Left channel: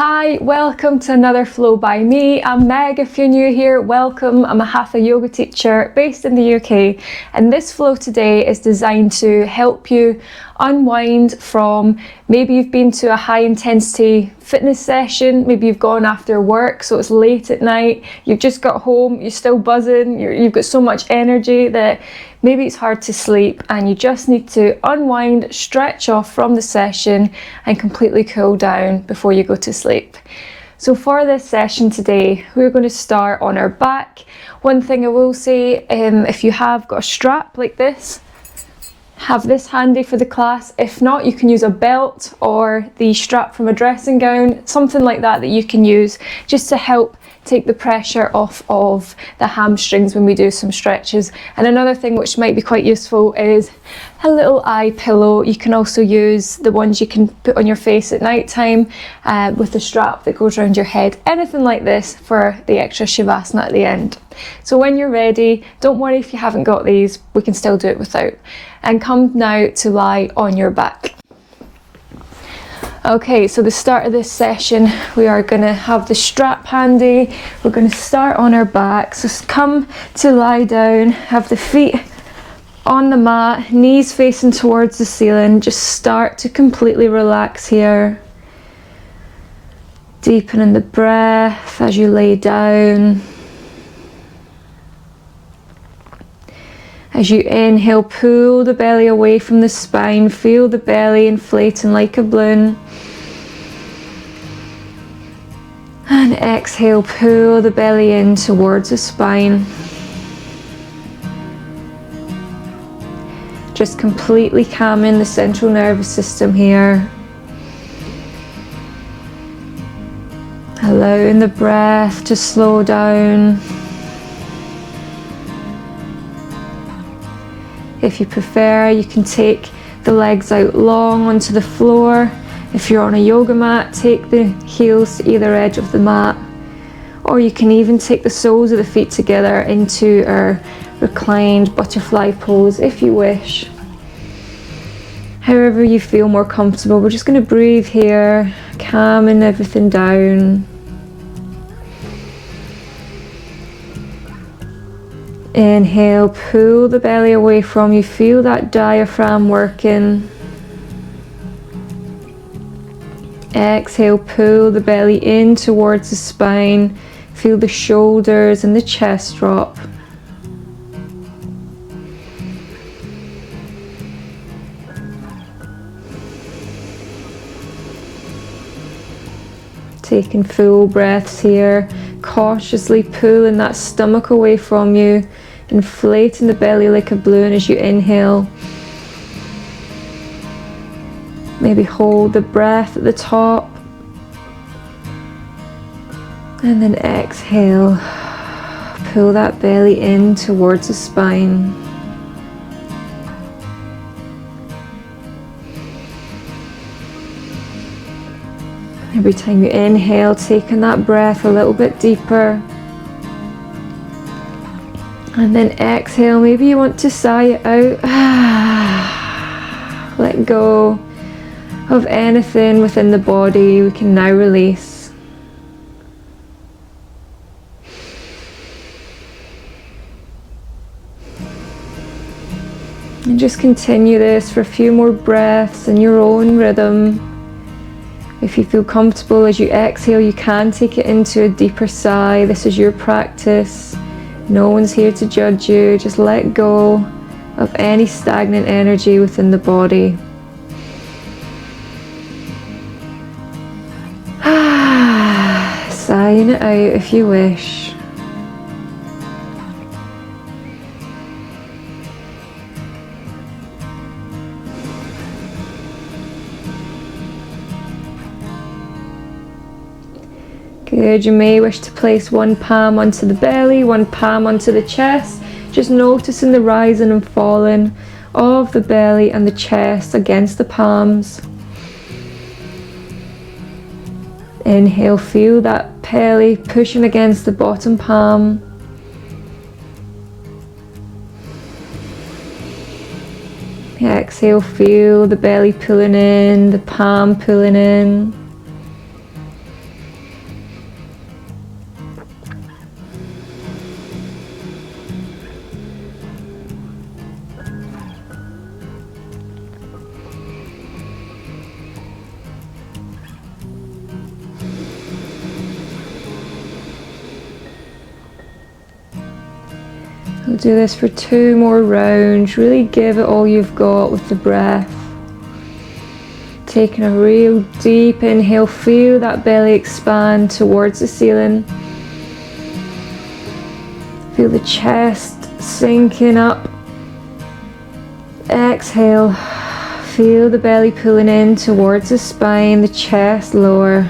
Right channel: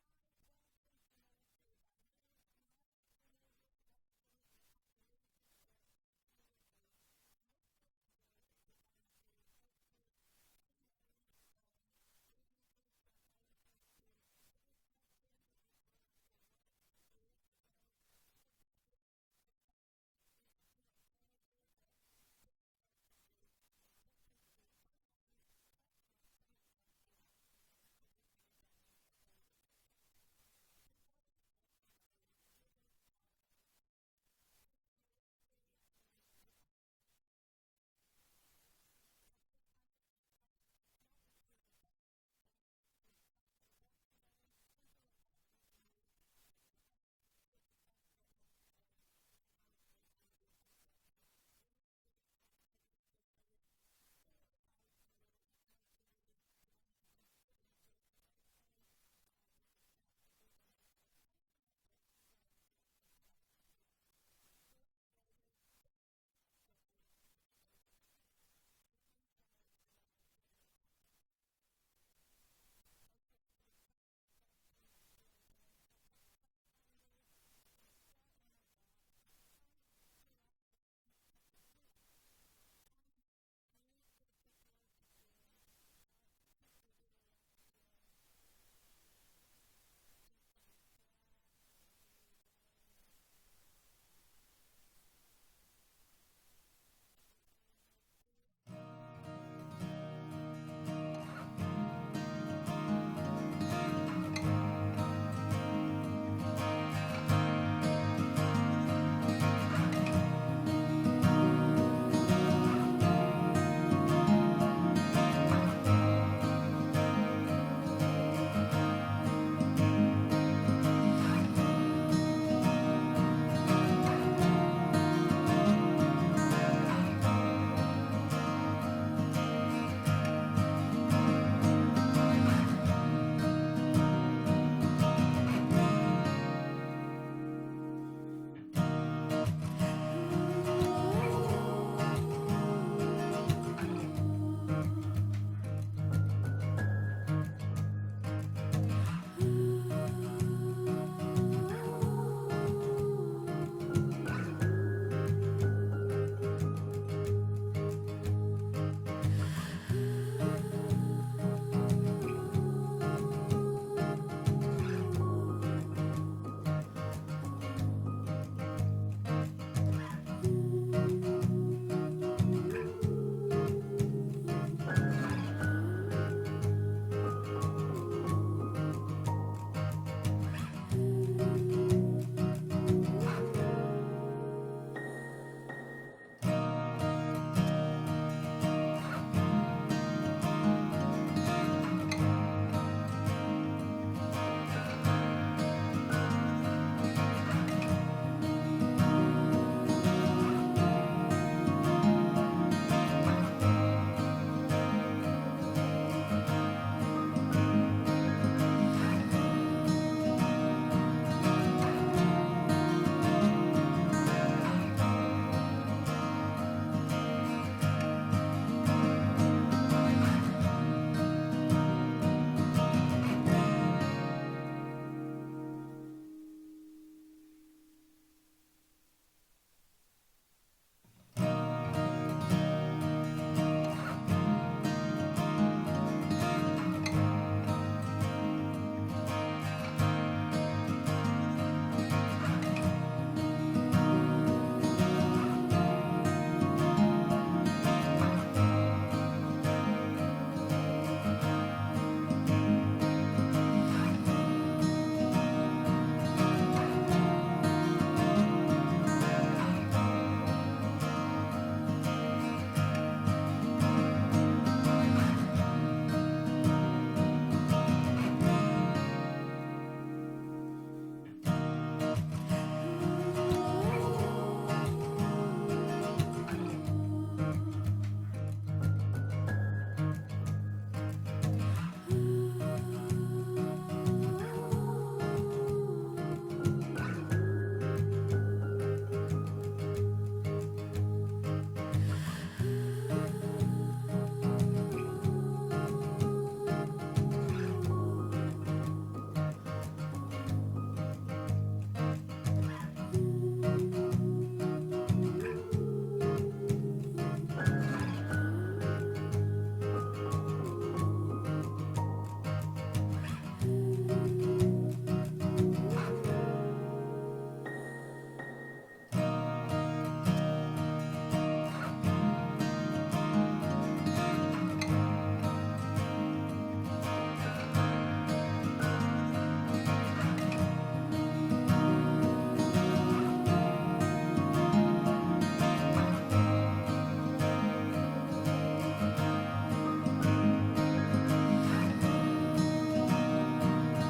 Hi, welcome to another flow by me. I'm Meg. If you're new here, welcome. I'm a Hatha yoga teacher based in the UK, and this flow today is designed to help you unwind from maybe you've been to a high intensity fitness session, maybe you've gone after work, so it's late at night, you've just got home, you're still buzzing, you've got so much energy that maybe it's hard to sleep and you just need to unwind, stretch off from the session and completely cool down before you go to sleep. So for this session today, we're going to start on our back. One thing I will say, if you have got a strap like this, have this handy for the class. If not, you can use a belt or the strap from a dressing gown, something like that you can use just to help take the pressure off of the hamstrings when we do some stretches. And another thing which might be quite useful is a little eye pillow. You can also use the ones you can put on your face at night time with the strap that goes around your head, anything like this for the extra Savasana at the end. So when you're ready, don't worry if you haven't got these, we can still do it without. And come now to lie on your back. Okay, so the start of this session, we are going to have the strap handy. We're going to start on our back. So come to lie down, have the feet on the mat, knees facing towards the ceiling. Just start to completely relax here. Deepening the breath as you lay down. As you inhale, pull the belly away from the spine, feel the belly inflating like a balloon. And exhale, pull the belly in towards the spine. Just completely calming the central nervous system here. Allowing the breath to slow down. If you prefer, you can take the legs out long onto the floor. If you're on a yoga mat, take the heels to either edge of the mat. Or you can even take the soles of the feet together into our reclined butterfly pose if you wish. However you feel more comfortable. We're just going to breathe here, calming everything down. Inhale, pull the belly away from you, feel that diaphragm working. Exhale, pull the belly in towards the spine, feel the shoulders and the chest drop. Taking full breaths here, cautiously pulling that stomach away from you, inflating the belly like a balloon as you inhale. Maybe hold the breath at the top and then exhale, pull that belly in towards the spine. Every time you inhale, taking that breath a little bit deeper. And then exhale, maybe you want to sigh it out. Let go of anything within the body we can now release. And just continue this for a few more breaths in your own rhythm. If you feel comfortable as you exhale, you can take it into a deeper sigh. This is your practice. No one's here to judge you. Just let go of any stagnant energy within the body. Sighing it out if you wish. Good, you may wish to place one palm onto the belly, one palm onto the chest, just noticing the rising and falling of the belly and the chest against the palms. Inhale, feel that belly pushing against the bottom palm. Exhale, feel the belly pulling in, the palm pulling in. We'll do this for 2 more rounds. Really give it all you've got with the breath. Taking a real deep inhale, feel that belly expand towards the ceiling. Feel the chest sinking up. Exhale, feel the belly pulling in towards the spine, the chest lower.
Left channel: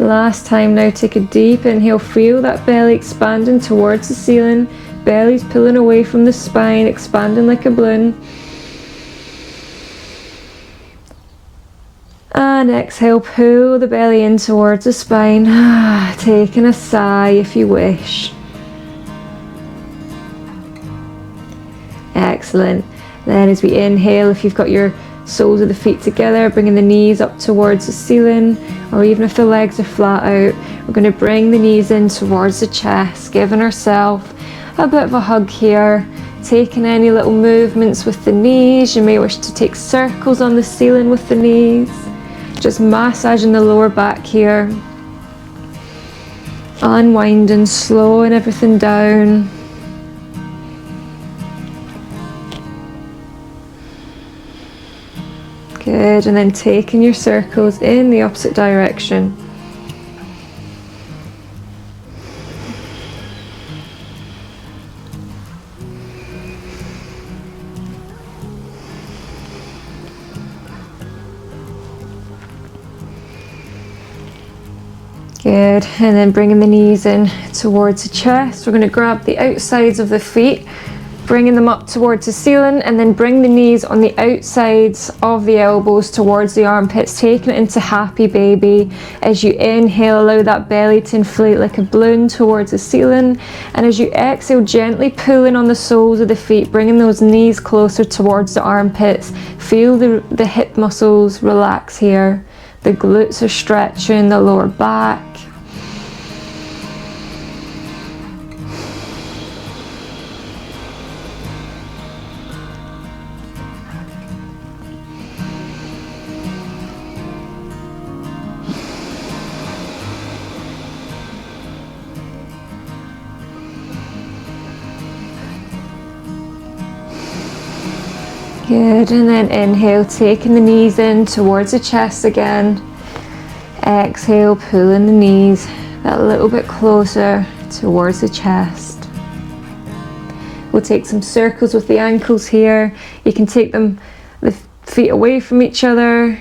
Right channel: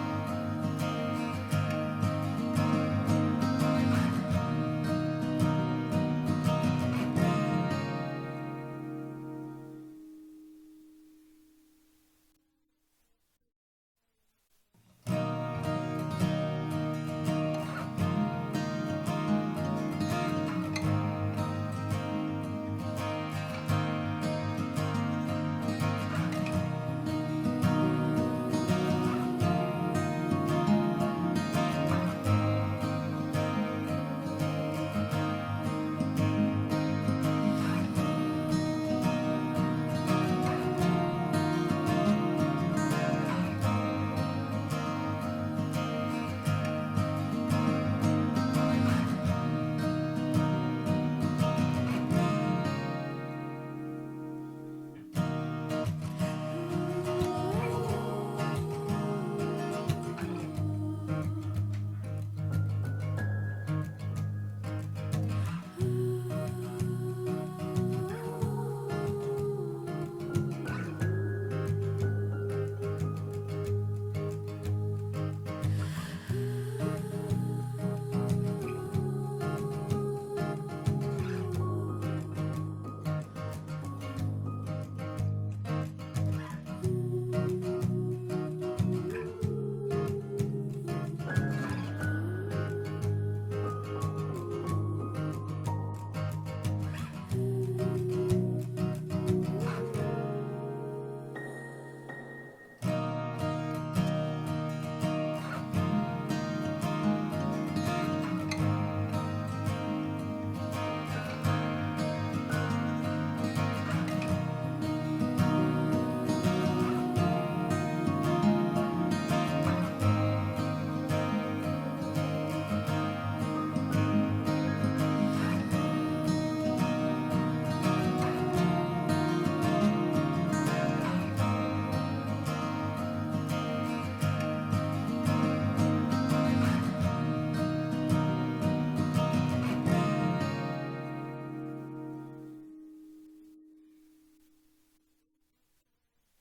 Last time now, take a deep inhale, feel that belly expanding towards the ceiling. Belly's pulling away from the spine, expanding like a balloon. And exhale, pull the belly in towards the spine. Taking a sigh if you wish. Excellent. Then as we inhale, if you've got your soles of the feet together, bringing the knees up towards the ceiling, or even if the legs are flat out, we're going to bring the knees in towards the chest, giving ourselves a bit of a hug here, taking any little movements with the knees. You may wish to take circles on the ceiling with the knees, just massaging the lower back here, unwinding, slowing everything down. Good, and then taking your circles in the opposite direction. Good, and then bringing the knees in towards the chest. We're going to grab the outsides of the feet, bringing them up towards the ceiling, and then bring the knees on the outsides of the elbows towards the armpits, taking it into happy baby. As you inhale, allow that belly to inflate like a balloon towards the ceiling, and as you exhale, gently pulling on the soles of the feet, bringing those knees closer towards the armpits. Feel the hip muscles relax here. The glutes are stretching, the lower back. Good, and then inhale, taking the knees in towards the chest again. Exhale, pulling the knees a little bit closer towards the chest. We'll take some circles with the ankles here. You can take them, the feet away from each other,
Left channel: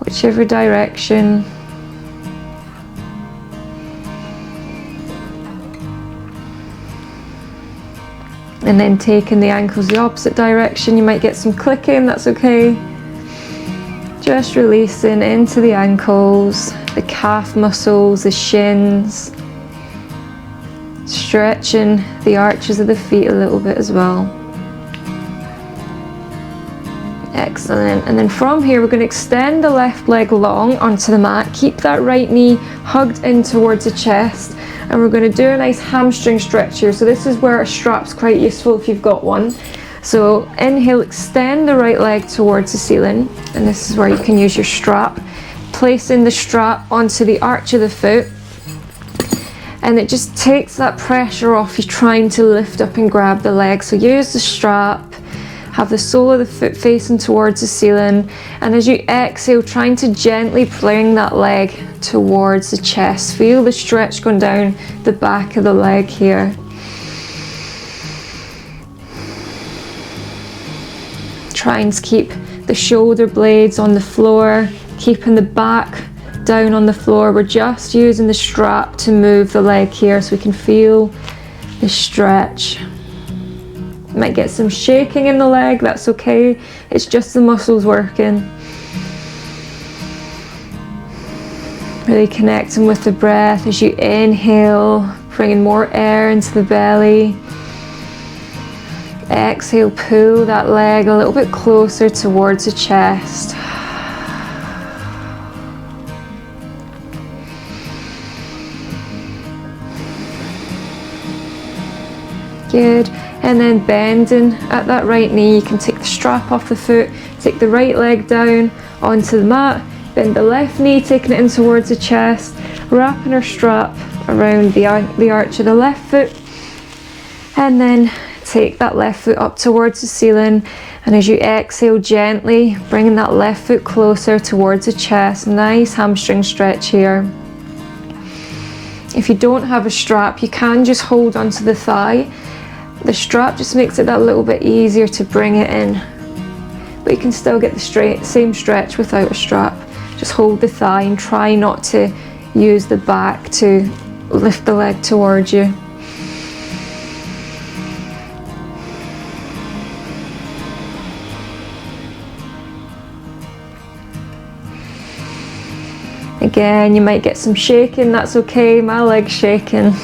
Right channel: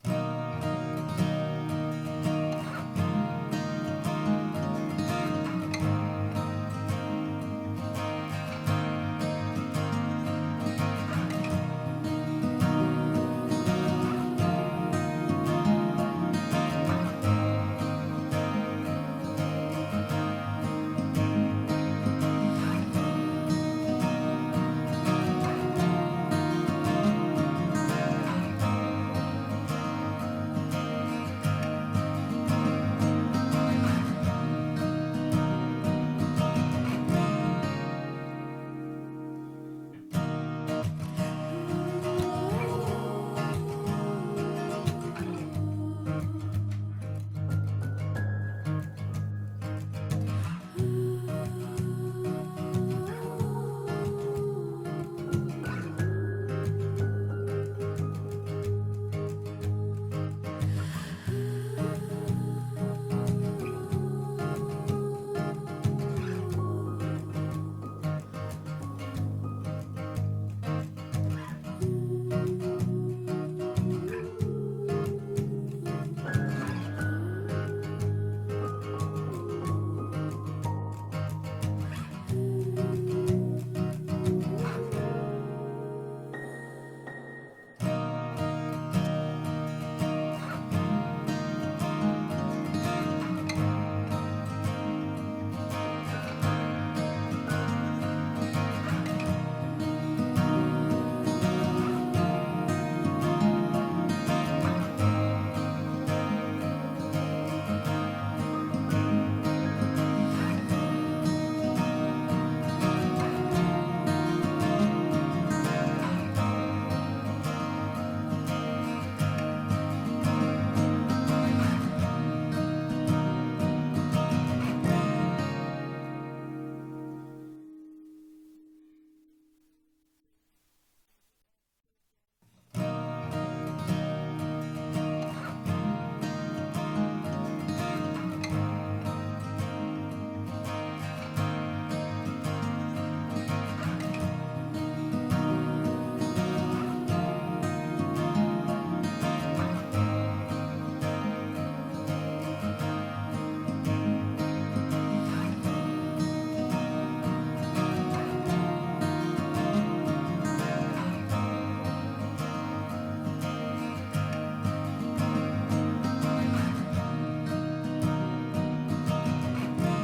whichever direction. And then taking the ankles the opposite direction. You might get some clicking, that's okay. Just releasing into the ankles, the calf muscles, the shins. Stretching the arches of the feet a little bit as well. Excellent. And then from here, we're going to extend the left leg long onto the mat. Keep that right knee hugged in towards the chest. And we're going to do a nice hamstring stretch here. So this is where a strap's quite useful if you've got one. So inhale, extend the right leg towards the ceiling. And this is where you can use your strap. Placing the strap onto the arch of the foot. And it just takes that pressure off you trying to lift up and grab the leg. So use the strap. Have the sole of the foot facing towards the ceiling, and as you exhale, trying to gently bring that leg towards the chest. Feel the stretch going down the back of the leg here. Trying to keep the shoulder blades on the floor, keeping the back down on the floor. We're just using the strap to move the leg here so we can feel the stretch. Might get some shaking in the leg, that's okay. It's just the muscles working. Really connecting with the breath as you inhale, bringing more air into the belly. Exhale, pull that leg a little bit closer towards the chest. Good. And then bending at that right knee, you can take the strap off the foot, take the right leg down onto the mat, bend the left knee, taking it in towards the chest, wrapping our strap around the arch of the left foot, and then take that left foot up towards the ceiling, and as you exhale, gently bringing that left foot closer towards the chest. Nice hamstring stretch here. If you don't have a strap, you can just hold onto the thigh. The strap just makes it that little bit easier to bring it in, but you can still get the same stretch without a strap. Just hold the thigh and try not to use the back to lift the leg towards you. Again, you might get some shaking, that's okay, my leg's shaking.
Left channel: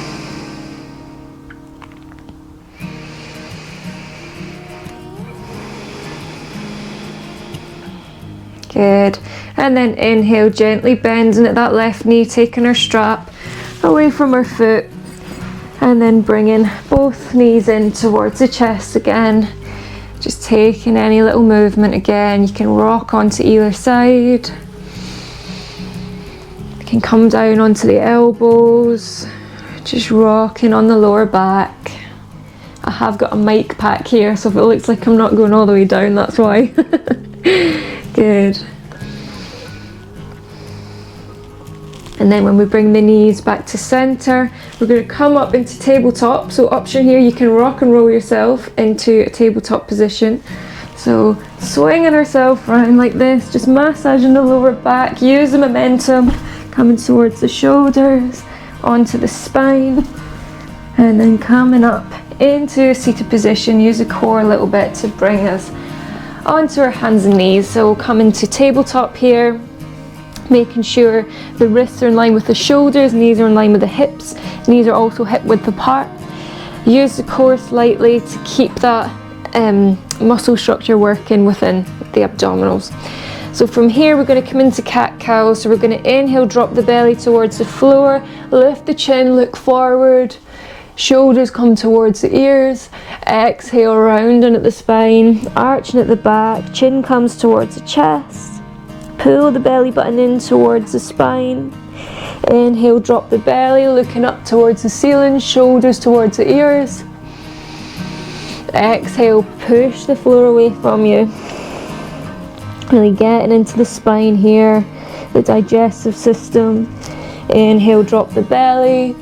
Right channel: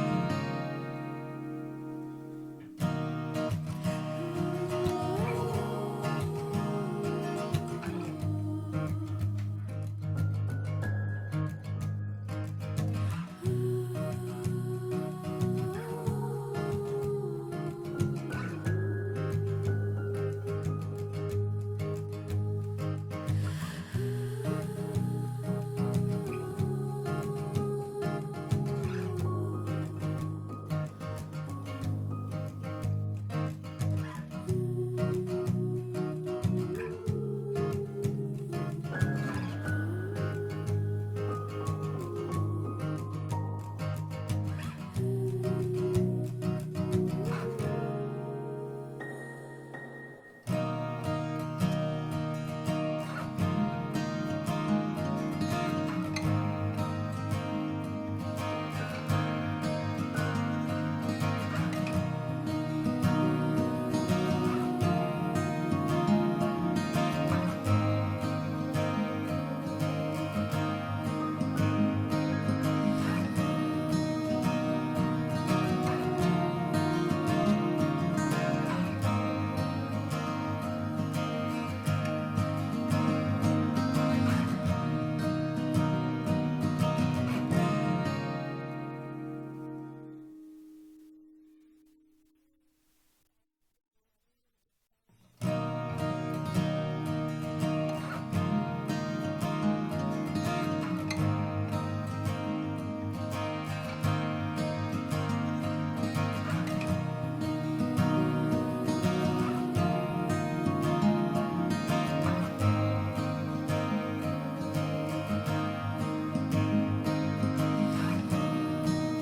Good. And then inhale, gently bending at that left knee, taking our strap away from our foot, and then bringing both knees in towards the chest again. Just taking any little movement again. You can rock onto either side. You can come down onto the elbows, just rocking on the lower back. I have got a mic pack here, so if it looks like I'm not going all the way down, that's why. Good. And then when we bring the knees back to center, we're going to come up into tabletop. So option here, you can rock and roll yourself into a tabletop position. So swinging ourselves around like this, just massaging the lower back, use the momentum, coming towards the shoulders, onto the spine, and then coming up into a seated position. Use the core a little bit to bring us onto our hands and knees. So we'll come into tabletop here, making sure the wrists are in line with the shoulders, knees are in line with the hips, knees are also hip width apart. Use the core slightly to keep that muscle structure working within the abdominals. So from here we're going to come into cat-cow. So we're going to inhale, drop the belly towards the floor, lift the chin, look forward, shoulders come towards the ears. Exhale, rounding at the spine, arching at the back, chin comes towards the chest. Pull the belly button in towards the spine. Inhale, drop the belly, looking up towards the ceiling, shoulders towards the ears. Exhale, push the floor away from you. Really getting into the spine here, the digestive system. Inhale, drop the belly.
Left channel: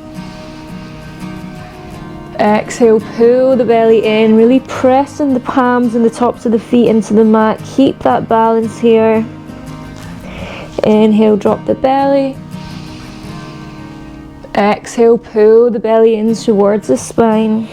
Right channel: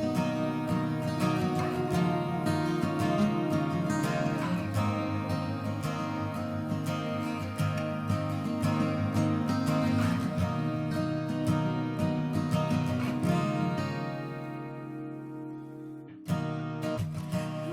Exhale, pull the belly in, really pressing the palms and the tops of the feet into the mat. Keep that balance here. Inhale, drop the belly. Exhale, pull the belly in towards the spine.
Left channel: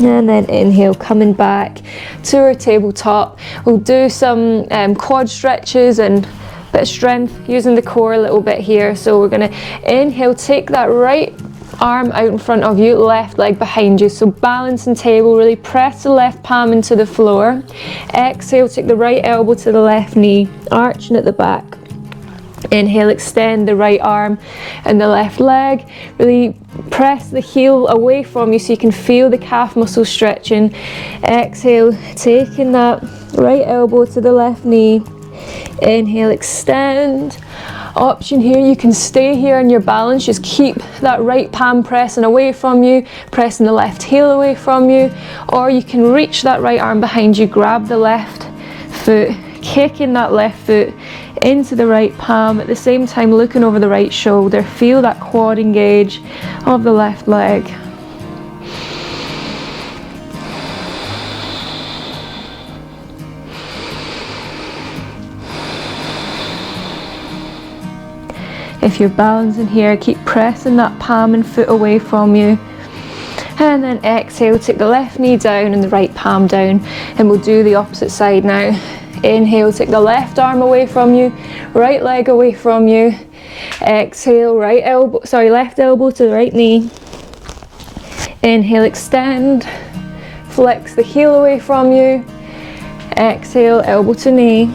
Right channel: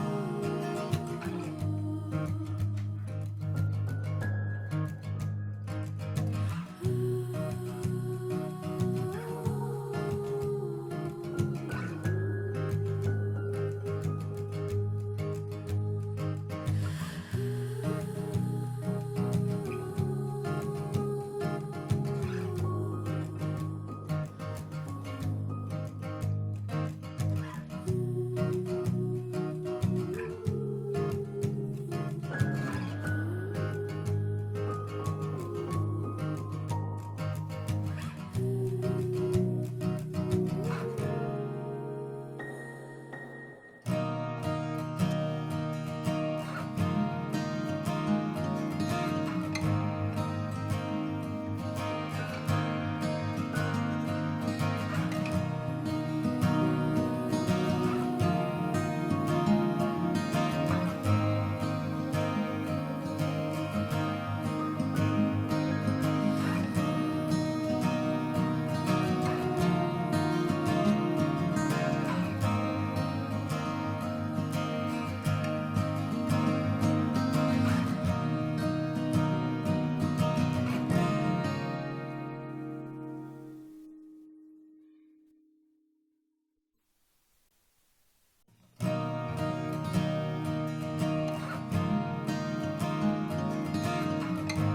And then inhale, coming back to our tabletop. We'll do some quad stretches and a bit of strength using the core a little bit here. So we're going to inhale, take that right arm out in front of you, left leg behind you. So balancing table, really press the left palm into the floor. Exhale, take the right elbow to the left knee, arching at the back. Inhale, extend the right arm and the left leg. Really press the heel away from you so you can feel the calf muscle stretching. Exhale, taking that right elbow to the left knee. Inhale, extend. Option here, you can stay here in your balance, just keep that right palm pressing away from you, pressing the left heel away from you, or you can reach that right arm behind you, grab the left foot, kicking that left foot into the right palm, at the same time looking over the right shoulder. Feel that quad engage of the left leg. If you're balancing here, keep pressing that palm and foot away from you. And then exhale, take the left knee down and the right palm down. And we'll do the opposite side now. Inhale, take the left arm away from you, right leg away from you. Exhale, left elbow to the right knee. Inhale, extend. Flex the heel away from you. Exhale, elbow to knee.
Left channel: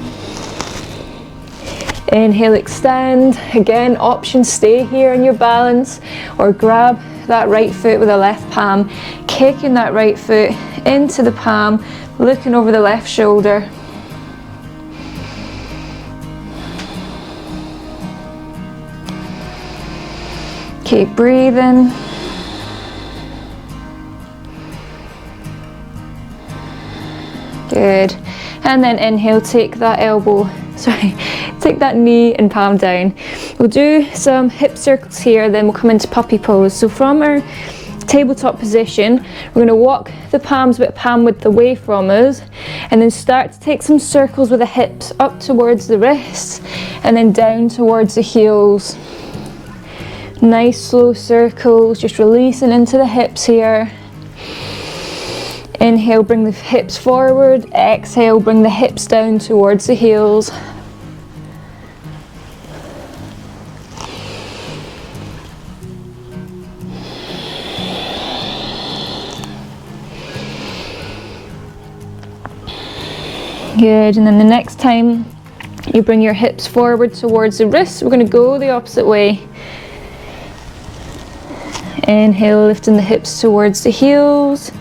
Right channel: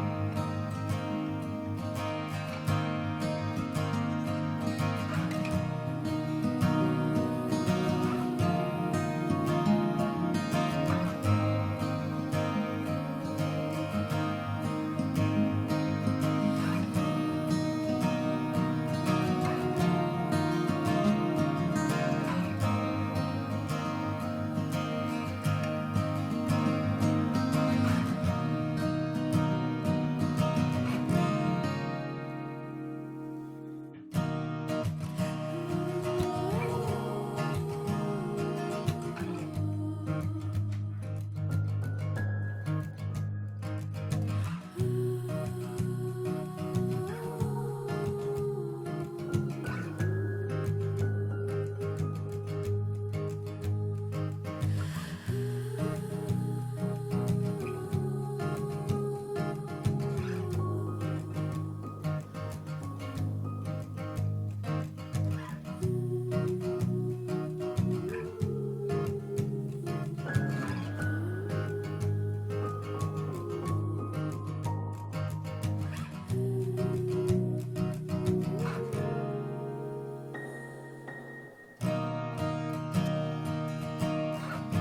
Inhale, extend. Again, option, stay here in your balance or grab that right foot with the left palm, kicking that right foot into the palm, looking over the left shoulder. Keep breathing. Good. And then inhale, take that take that knee and palm down. We'll do some hip circles here, then we'll come into puppy pose. So from our tabletop position, we're going to walk the palms with palm width away from us, and then start to take some circles with the hips up towards the wrists, and then down towards the heels. Nice slow circles, just releasing into the hips here. Inhale, bring the hips forward. Exhale, bring the hips down towards the heels. Good, and then the next time you bring your hips forward towards the wrists, we're going to go the opposite way. Inhale, lifting the hips towards the heels.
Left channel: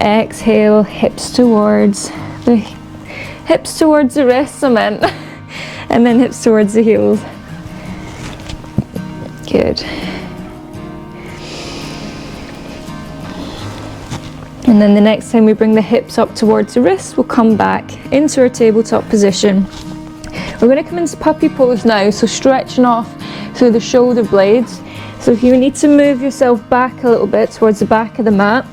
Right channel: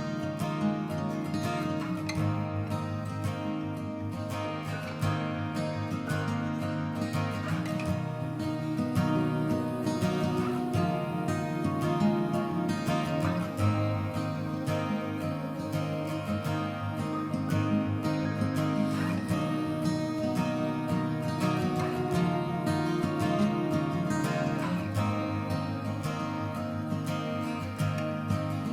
Exhale, hips towards the wrists, I meant. And then hips towards the heels. Good. And then the next time we bring the hips up towards the wrists, we'll come back into our tabletop position. We're going to come into puppy pose now, so stretching off through the shoulder blades. So if you need to move yourself back a little bit towards the back of the mat,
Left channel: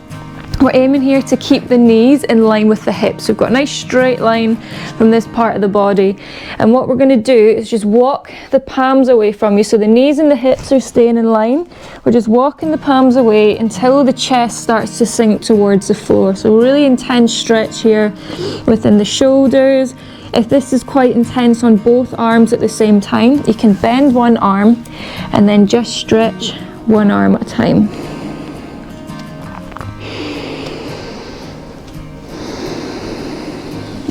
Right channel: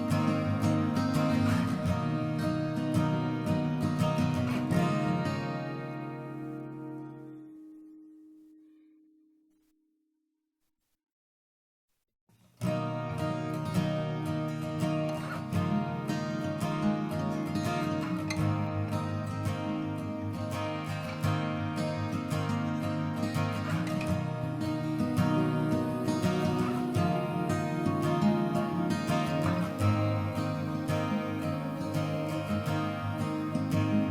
we're aiming here to keep the knees in line with the hips. We've got a nice straight line from this part of the body. And what we're going to do is just walk the palms away from you. So the knees and the hips are staying in line. We're just walking the palms away until the chest starts to sink towards the floor. So really intense stretch here within the shoulders. If this is quite intense on both arms at the same time, you can bend one arm and then just stretch one arm at a time.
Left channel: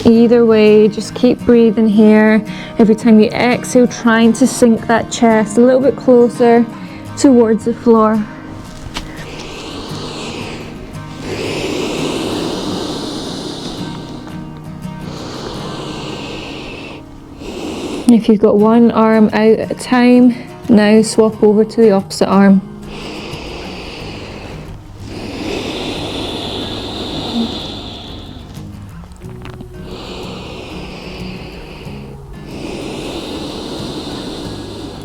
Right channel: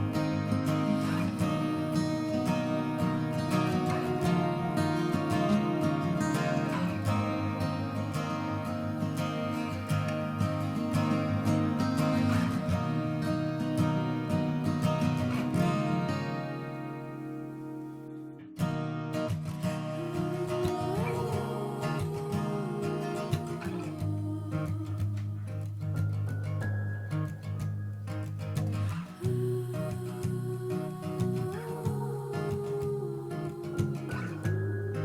Either way, just keep breathing here. Every time you exhale, trying to sink that chest a little bit closer towards the floor. If you've got one arm out at a time, now swap over to the opposite arm.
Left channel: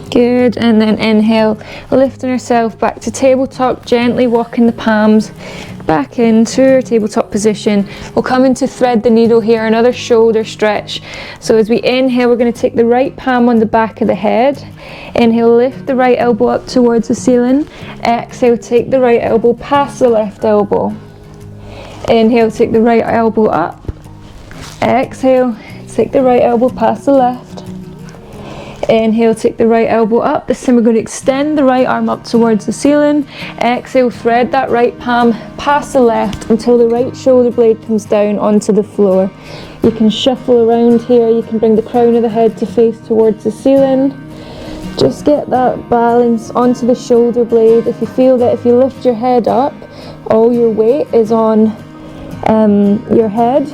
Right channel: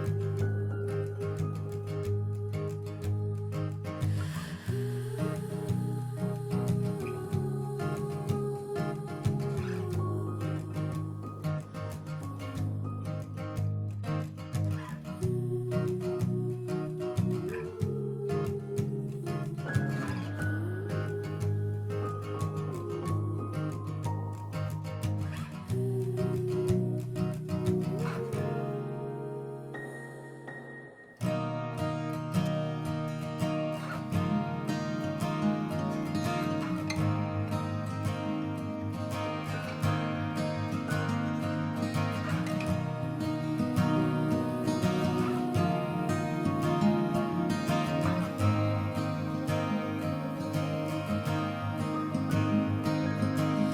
Good, and then inhale, lifting ourselves back to tabletop, gently walking the palms back into our tabletop position. We'll come into thread the needle here, another shoulder stretch. So as we inhale, we're going to take the right palm on the back of the head. Inhale, lift the right elbow up towards the ceiling. Exhale, take the right elbow past the left elbow. Inhale, take the right elbow up. Exhale, take the right elbow past the left. Inhale, take the right elbow up. This time we're going to extend the right arm up towards the ceiling. Exhale, thread that right palm past the left until the right shoulder blade comes down onto the floor. You can shuffle around here. You can bring the crown of the head to face towards the ceiling. Just get that balance onto the shoulder blade. If you feel that if you lift your head up, all your weight is on your head,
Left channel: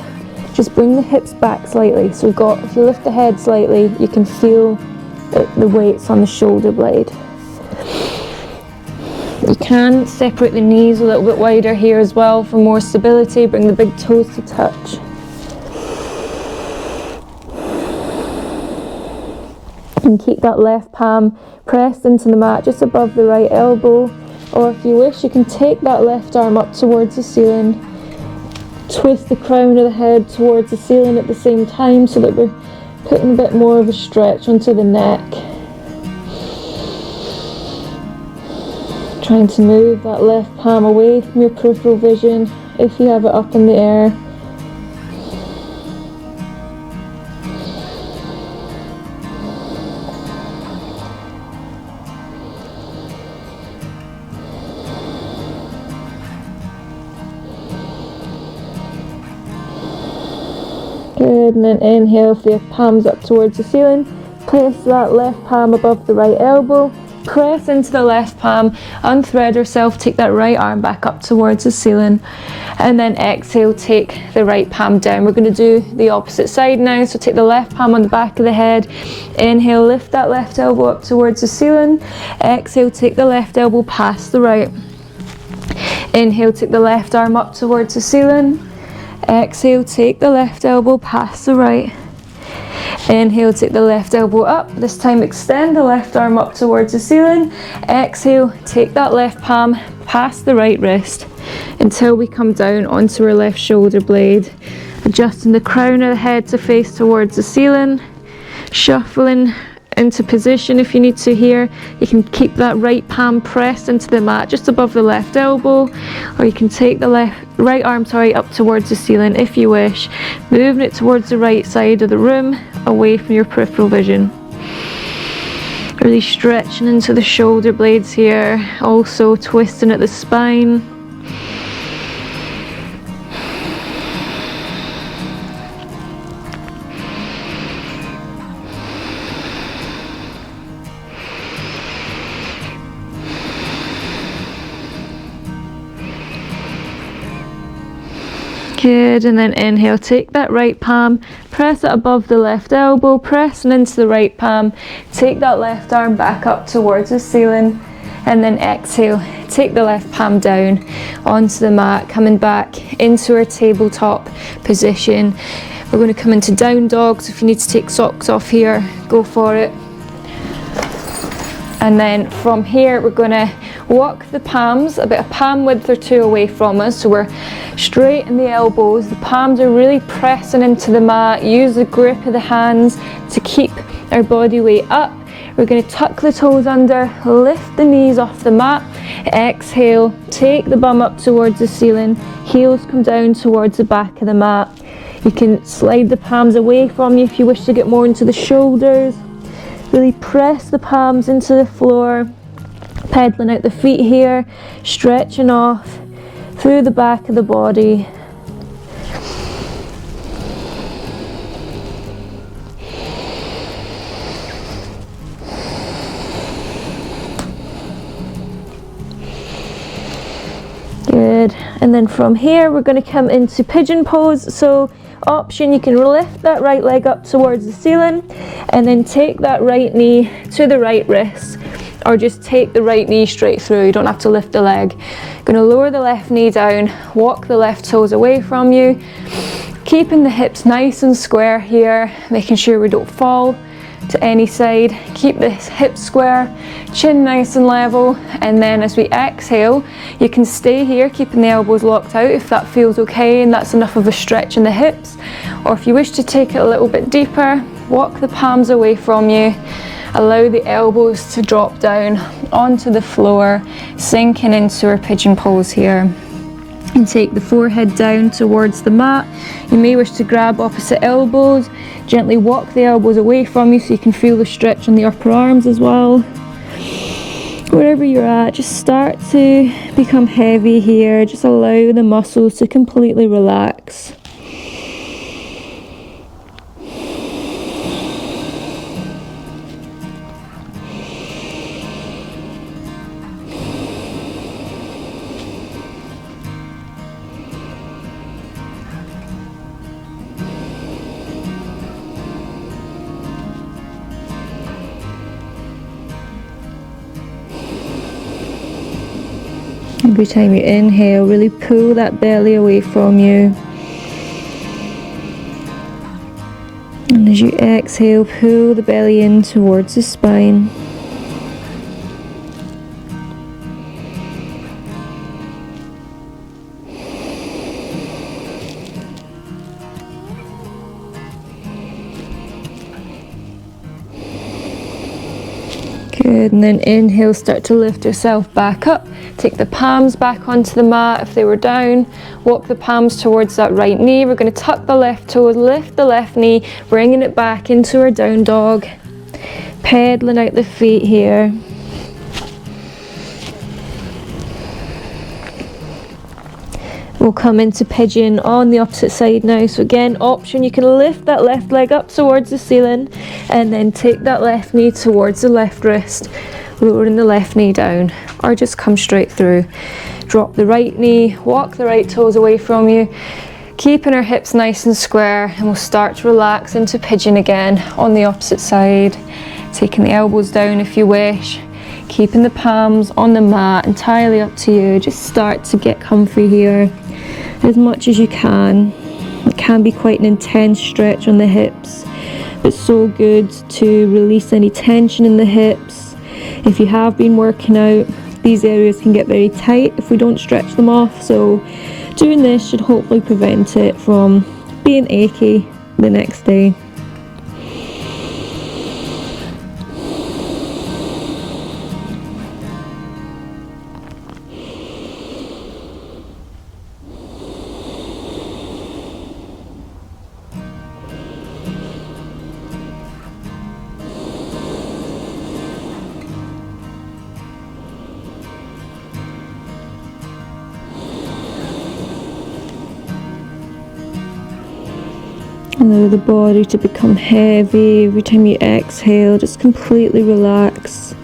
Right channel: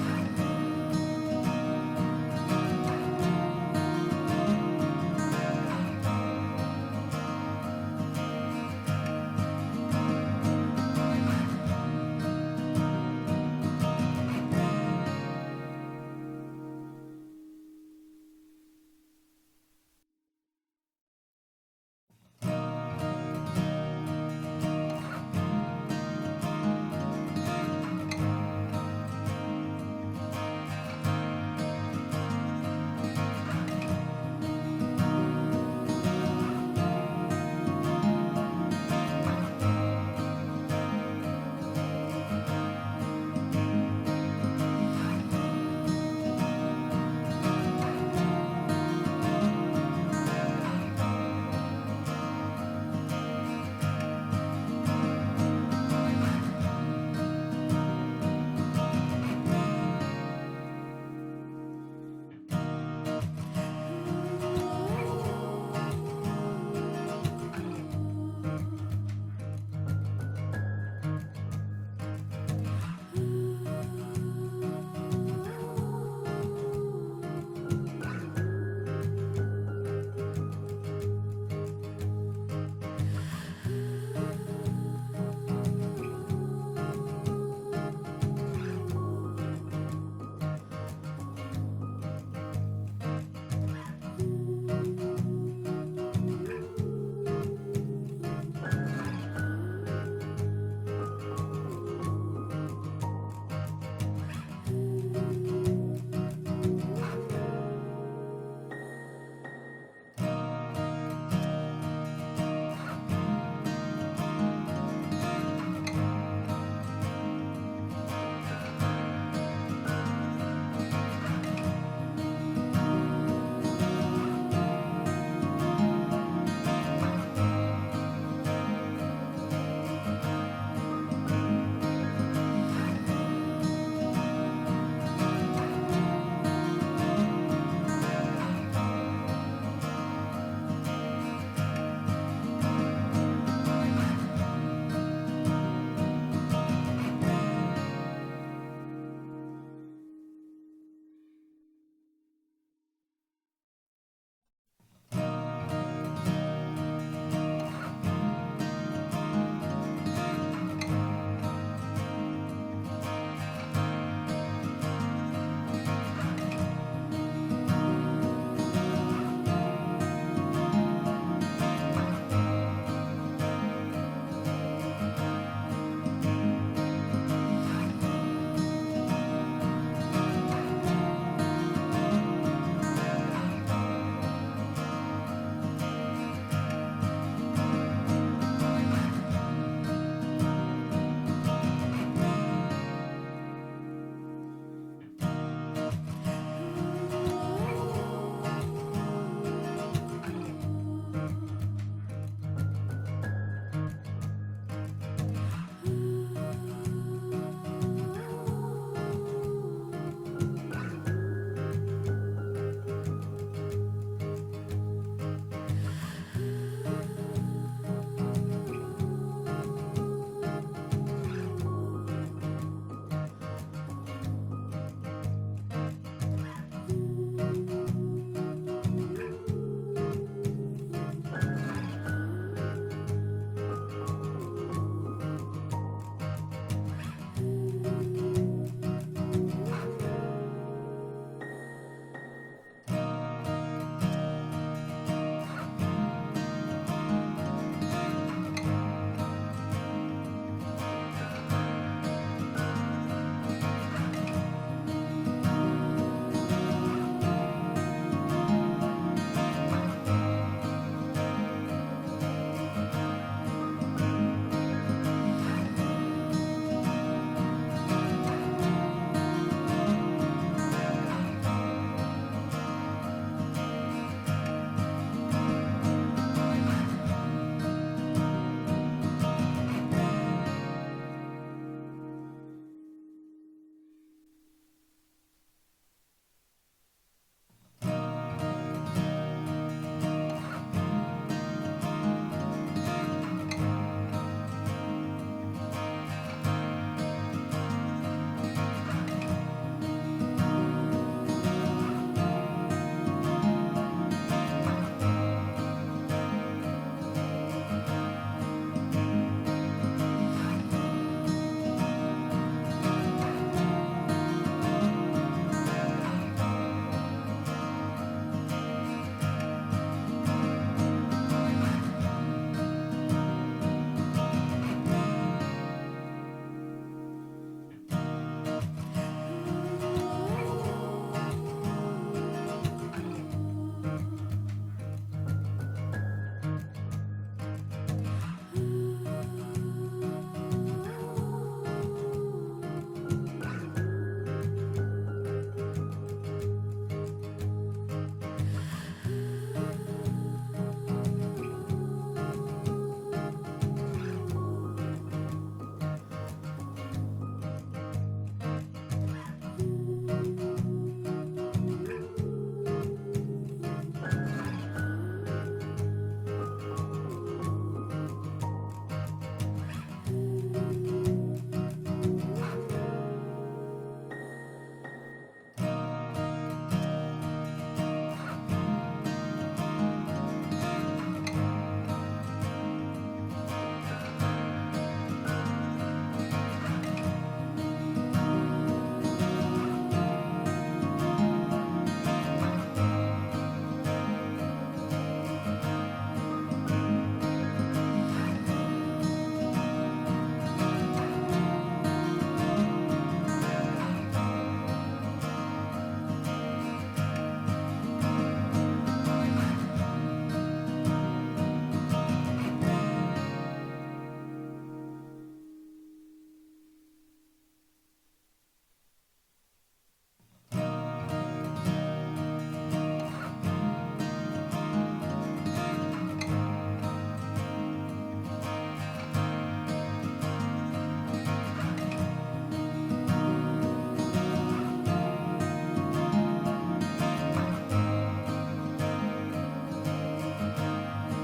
just bring the hips back slightly. So we've got, if you lift the head slightly, you can feel the weight's on the shoulder blade. You can separate the knees a little bit wider here as well for more stability. Bring the big toes to touch. And keep that left palm pressed into the mat just above the right elbow. Or if you wish, you can take that left arm up towards the ceiling. Twist the crown of the head towards the ceiling at the same time so that we're putting a bit more of a stretch onto the neck. Trying to move that left palm away from your peripheral vision if you have it up in the air. Good, and then inhale, with your palms up towards the ceiling. Place that left palm above the right elbow. Press into the left palm, unthread yourself, take that right arm back up towards the ceiling. And then exhale, take the right palm down. We're going to do the opposite side now. So take the left palm on the back of the head. Inhale, lift that left elbow up towards the ceiling. Exhale, take the left elbow past the right. Inhale, take the left arm up towards the ceiling. Exhale, take the left elbow past the right. Inhale, take the left elbow up. This time extend the left arm up towards the ceiling. Exhale, take that left palm past the right wrist until we come down onto our left shoulder blade. Adjusting the crown of the head to face towards the ceiling. Shuffling into position if you need to here. You can keep that right palm pressed into the mat just above the left elbow, or you can take the right arm up towards the ceiling if you wish, moving it towards the right side of the room, away from your peripheral vision. Really stretching into the shoulder blades here, also twisting at the spine. Good, and then inhale, take that right palm, press it above the left elbow, pressing into the right palm, take that left arm back up towards the ceiling, and then exhale, take the left palm down onto the mat, coming back into our tabletop position. We're going to come into down dog, so if you need to take socks off here, go for it. And then from here, we're going to walk the palms about a palm width or two away from us, so we're straight in the elbows. The palms are really pressing into the mat. Use the grip of the hands to keep our body weight up. We're going to tuck the toes under, lift the knees off the mat. Exhale, take the bum up towards the ceiling. Heels come down towards the back of the mat. You can slide the palms away from you if you wish to get more into the shoulders. Really press the palms into the floor. Pedaling out the feet here, stretching off through the back of the body. Good, and then from here we're going to come into pigeon pose. So option, you can lift that right leg up towards the ceiling and then take that right knee to the right wrist, or just take the right knee straight through. You don't have to lift the leg. Going to lower the left knee down, walk the left toes away from you, keeping the hips nice and square here, making sure we don't fall to any side. Keep the hips square, chin nice and level, and then as we exhale, you can stay here keeping the elbows locked out if that feels okay and that's enough of a stretch in the hips. Or if you wish to take it a little bit deeper, walk the palms away from you. Allow the elbows to drop down onto the floor, sinking into our pigeon pose here. And take the forehead down towards the mat. You may wish to grab opposite elbows, gently walk the elbows away from you so you can feel the stretch in the upper arms as well. Wherever you're at, just start to become heavy here. Just allow the muscles to completely relax. Every time you inhale, really pull that belly away from you. And as you exhale, pull the belly in towards the spine. Good, and then inhale, start to lift yourself back up. Take the palms back onto the mat if they were down. Walk the palms towards that right knee. We're going to tuck the left toes, lift the left knee, bringing it back into our down dog. Pedaling out the feet here. We'll come into pigeon on the opposite side now. So again, option, you can lift that left leg up towards the ceiling and then take that left knee towards the left wrist, lowering the left knee down, or just come straight through. Drop the right knee, walk the right toes away from you, keeping our hips nice and square, and we'll start to relax into pigeon again on the opposite side. Taking the elbows down if you wish, keeping the palms on the mat, entirely up to you. Just start to get comfy here as much as you can. It can be quite an intense stretch on the hips. It's so good to release any tension in the hips. If you have been working out, these areas can get very tight if we don't stretch them off, so doing this should hopefully prevent it from being achy the next day. Allow the body to become heavy. Every time you exhale, just completely relax.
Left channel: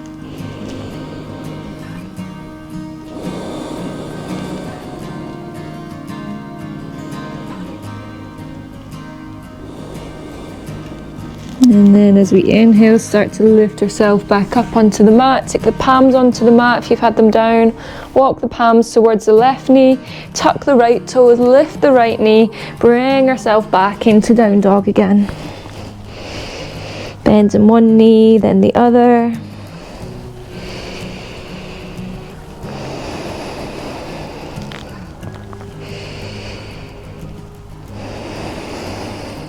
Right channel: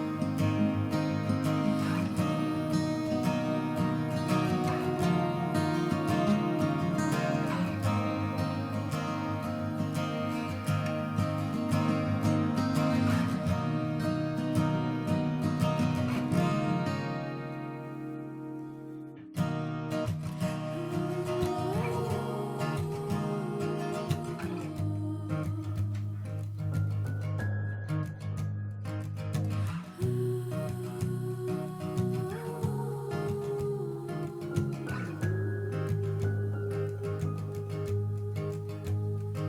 And then as we inhale, start to lift ourselves back up onto the mat. Take the palms onto the mat if you've had them down. Walk the palms towards the left knee. Tuck the right toes, lift the right knee. Bring ourselves back into down dog again. Bend in one knee, then the other.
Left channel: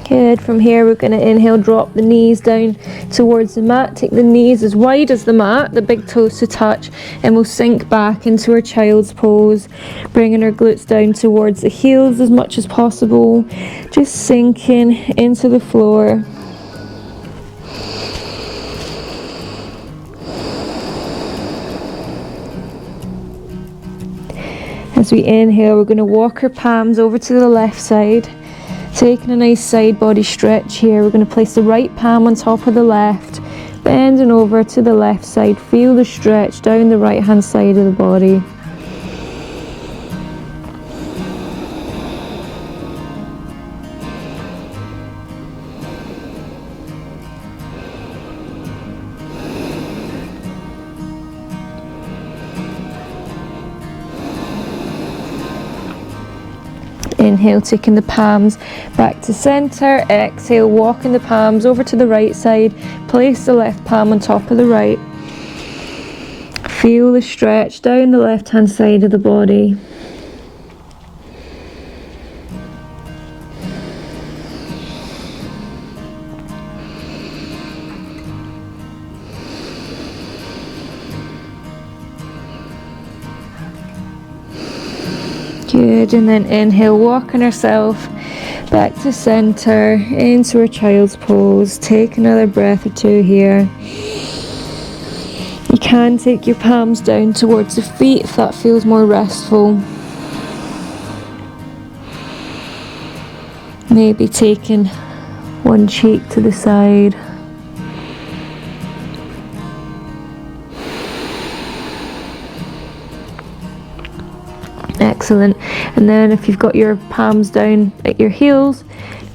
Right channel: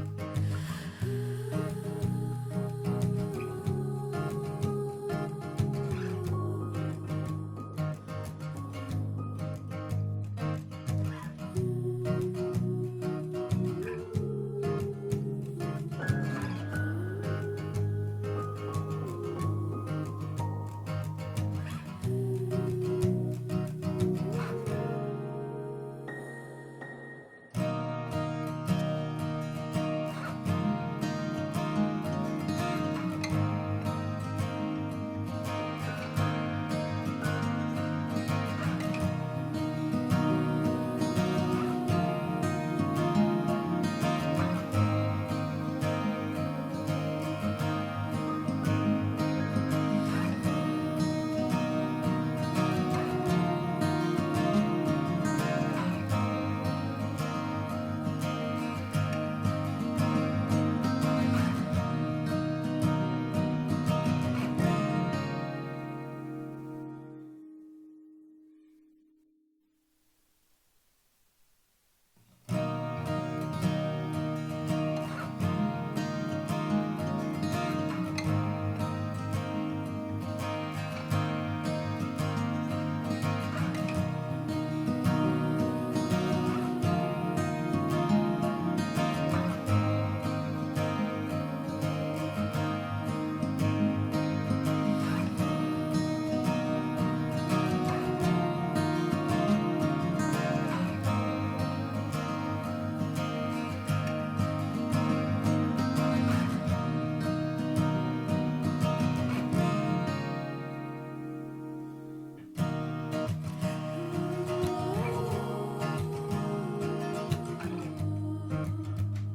Good. From here we're going to inhale, drop the knees down towards the mat. Take the knees as wide as the mat, the big toes to touch, and we'll sink back into our child's pose, bringing our glutes down towards the heels as much as possible, just sinking into the floor. As we inhale, we're going to walk our palms over to the left side. Taking a nice side body stretch here, we're going to place the right palm on top of the left, bending over to the left side. Feel the stretch down the right hand side of the body. Inhale, taking the palms back to center. Exhale, walking the palms over to the right side. Place the left palm on top of the right. Feel the stretch down the left hand side of the body. Good, and then inhale, walking ourselves back to center, into our child's pose. Take another breath or two here. You can take your palms down towards the feet if that feels more restful. Maybe taking one cheek to the side. Excellent. And then if you've got your palms down at your heels,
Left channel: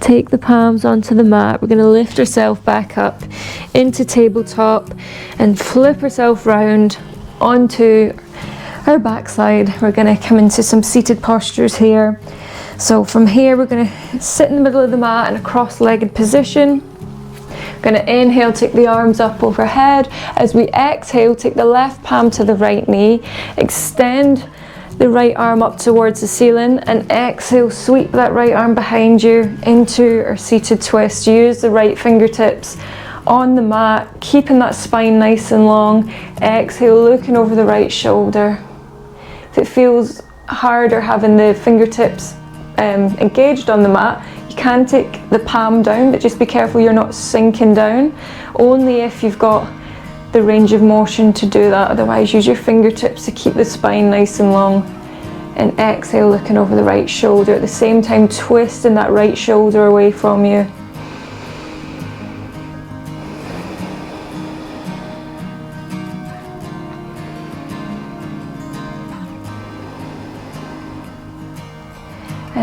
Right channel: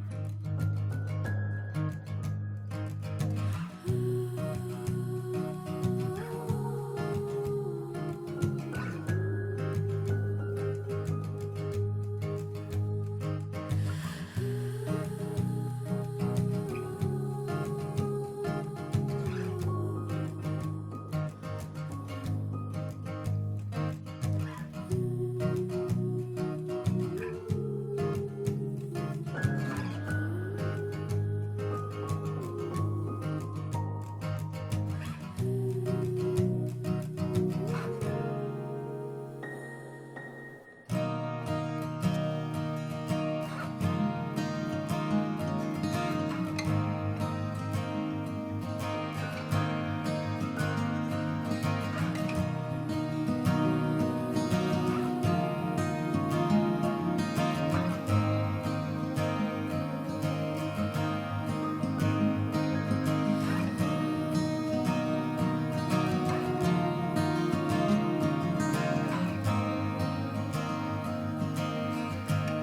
take the palms onto the mat. We're going to lift ourselves back up into tabletop and flip ourselves round onto our backside. We're going to come into some seated postures here. So from here we're going to sit in the middle of the mat in a cross-legged position. We're going to inhale, take the arms up overhead. As we exhale, take the left palm to the right knee, extend the right arm up towards the ceiling, and exhale, sweep that right arm behind you into our seated twist. Use the right fingertips on the mat, keeping that spine nice and long. Exhale, looking over the right shoulder. If it feels harder having the fingertips engaged on the mat, you can take the palm down, but just be careful you're not sinking down. Only if you've got the range of motion to do that. Otherwise, use your fingertips to keep the spine nice and long. And exhale, looking over the right shoulder. At the same time, twisting that right shoulder away from you.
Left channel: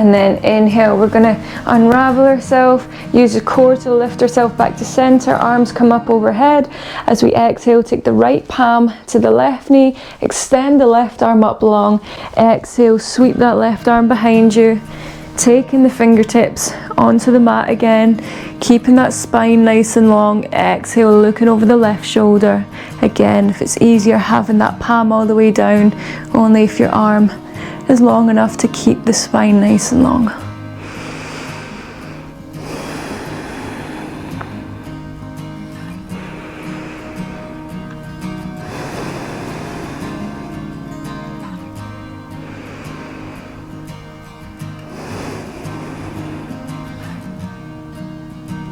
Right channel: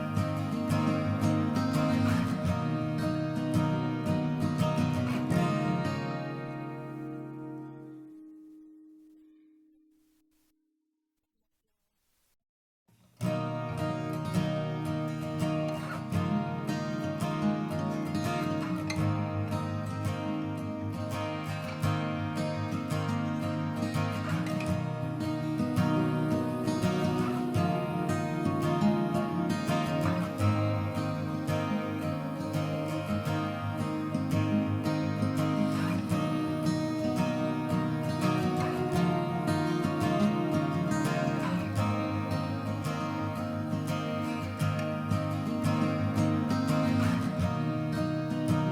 And then inhale, we're gonna unravel ourselves, use the core to lift ourselves back to center, arms come up overhead. As we exhale, take the right palm to the left knee, extend the left arm up long, exhale, sweep that left arm behind you, taking the fingertips onto the mat again, keeping that spine nice and long. Exhale, looking over the left shoulder. Again, if it's easier, having that palm all the way down, only if your arm is long enough to keep the spine nice and long.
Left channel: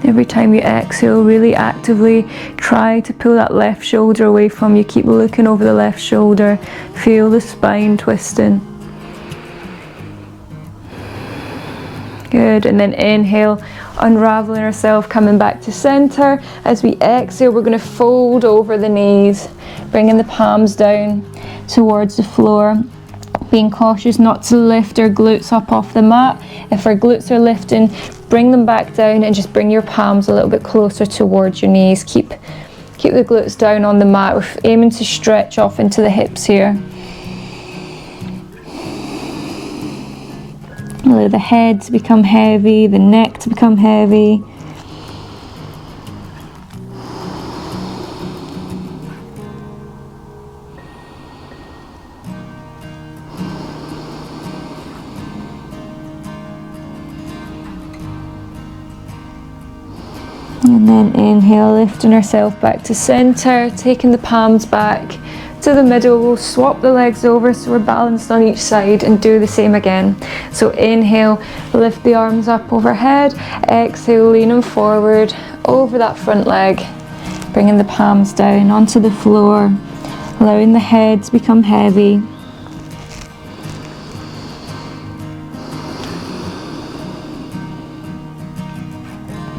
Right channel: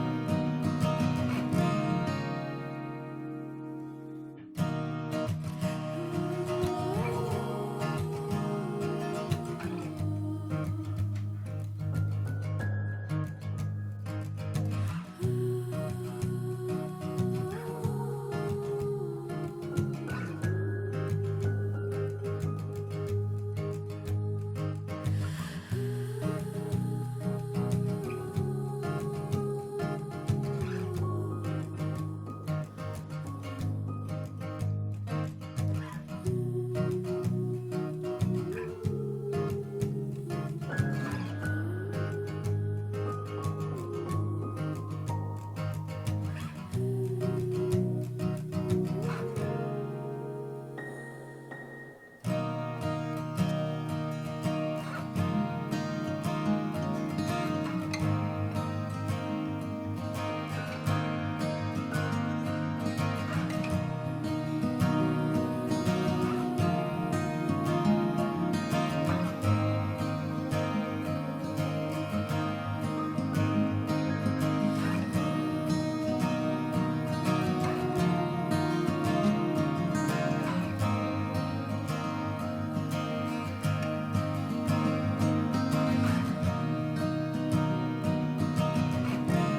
Every time you exhale, really actively try to pull that left shoulder away from you. Keep looking over the left shoulder. Feel the spine twisting. Good, and then inhale, unraveling ourselves, coming back to center. As we exhale, we're going to fold over the knees, bringing the palms down towards the floor. Being cautious not to lift our glutes up off the mat. If our glutes are lifting, bring them back down and just bring your palms a little bit closer towards your knees. Keep the glutes down on the mat. We're aiming to stretch off into the hips here. Allow the head to become heavy, the neck to become heavy. And then inhale, lifting ourselves back to center, taking the palms back to the middle. We'll swap the legs over so we're balanced on each side and do the same again. So inhale, lift the arms up overhead. Exhale, leaning forward over that front leg, bringing the palms down onto the floor, allowing the head to become heavy.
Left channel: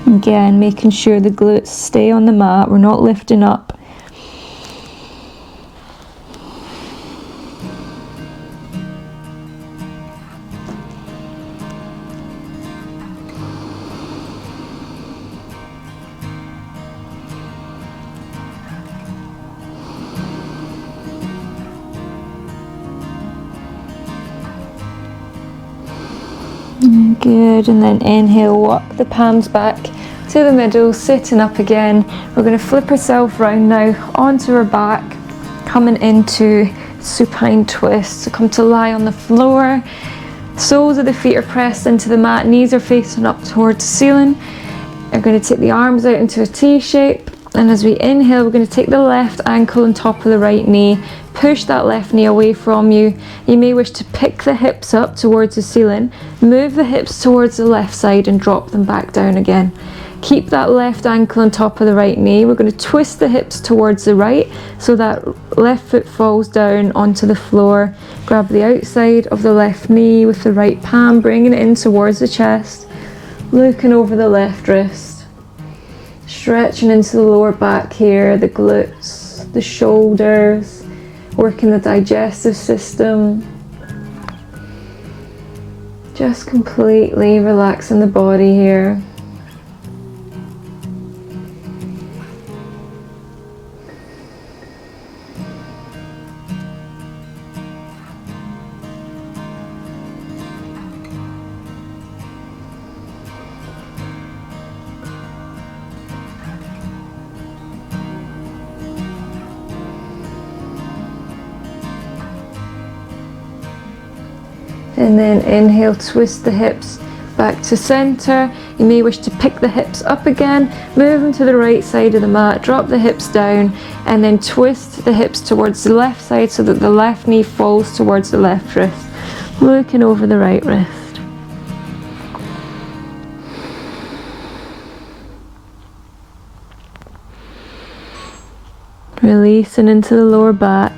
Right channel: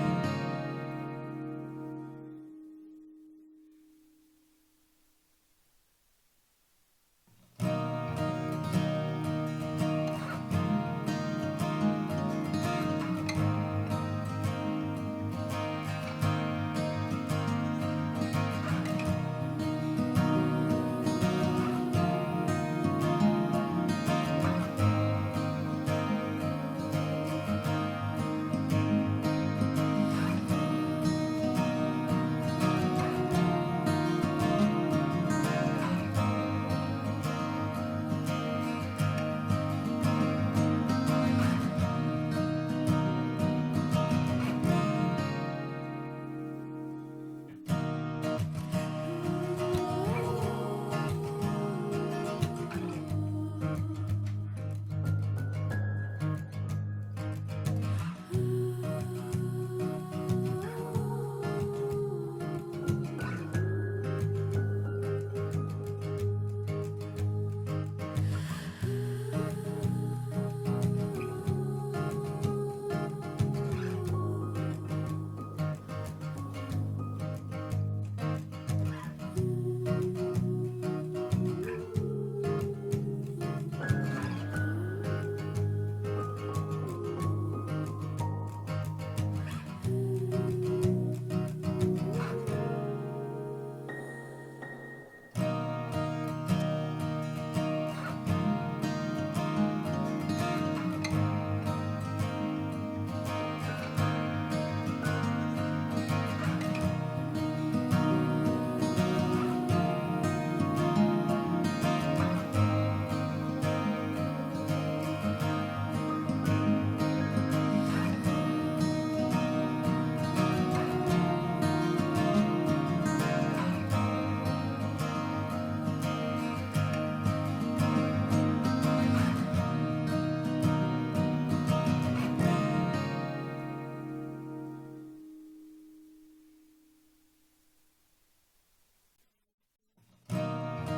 Again, making sure the glutes stay on the mat, we're not lifting up. Good, and then inhale, walk the palms back to the middle, sitting up again. We're going to flip ourselves round now onto our back, coming into supine twist. So come to lie on the floor. Soles of the feet are pressed into the mat, knees are facing up towards the ceiling. We're going to take the arms out into a T shape, and as we inhale, we're going to take the left ankle on top of the right knee, push that left knee away from you. You may wish to pick the hips up towards the ceiling, move the hips towards the left side and drop them back down again. Keep that left ankle on top of the right knee. We're going to twist the hips towards the right so that left foot falls down onto the floor. Grab the outside of the left knee with the right palm, bringing it in towards the chest, looking over the left wrist, stretching into the lower back here, the glutes, the shoulders, working the digestive system. Just completely relaxing the body here. And then inhale, twist the hips back to center. You may wish to pick the hips up again, move them to the right side of the mat, drop the hips down, and then twist the hips towards the left side so that the left knee falls towards the left wrist, looking over the right wrist. Releasing into the lower back.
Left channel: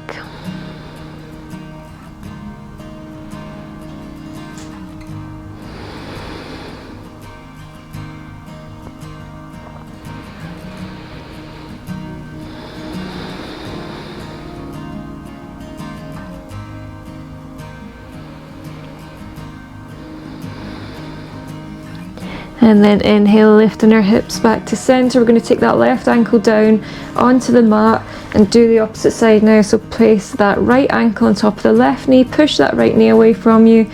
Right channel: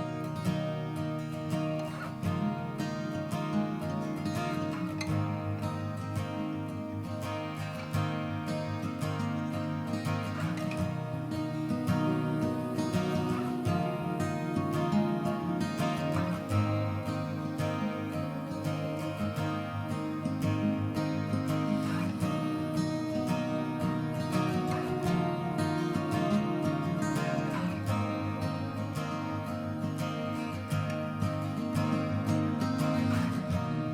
And then inhale, lifting our hips back to center. We're going to take that left ankle down onto the mat and do the opposite side now. So place that right ankle on top of the left knee, push that right knee away from you,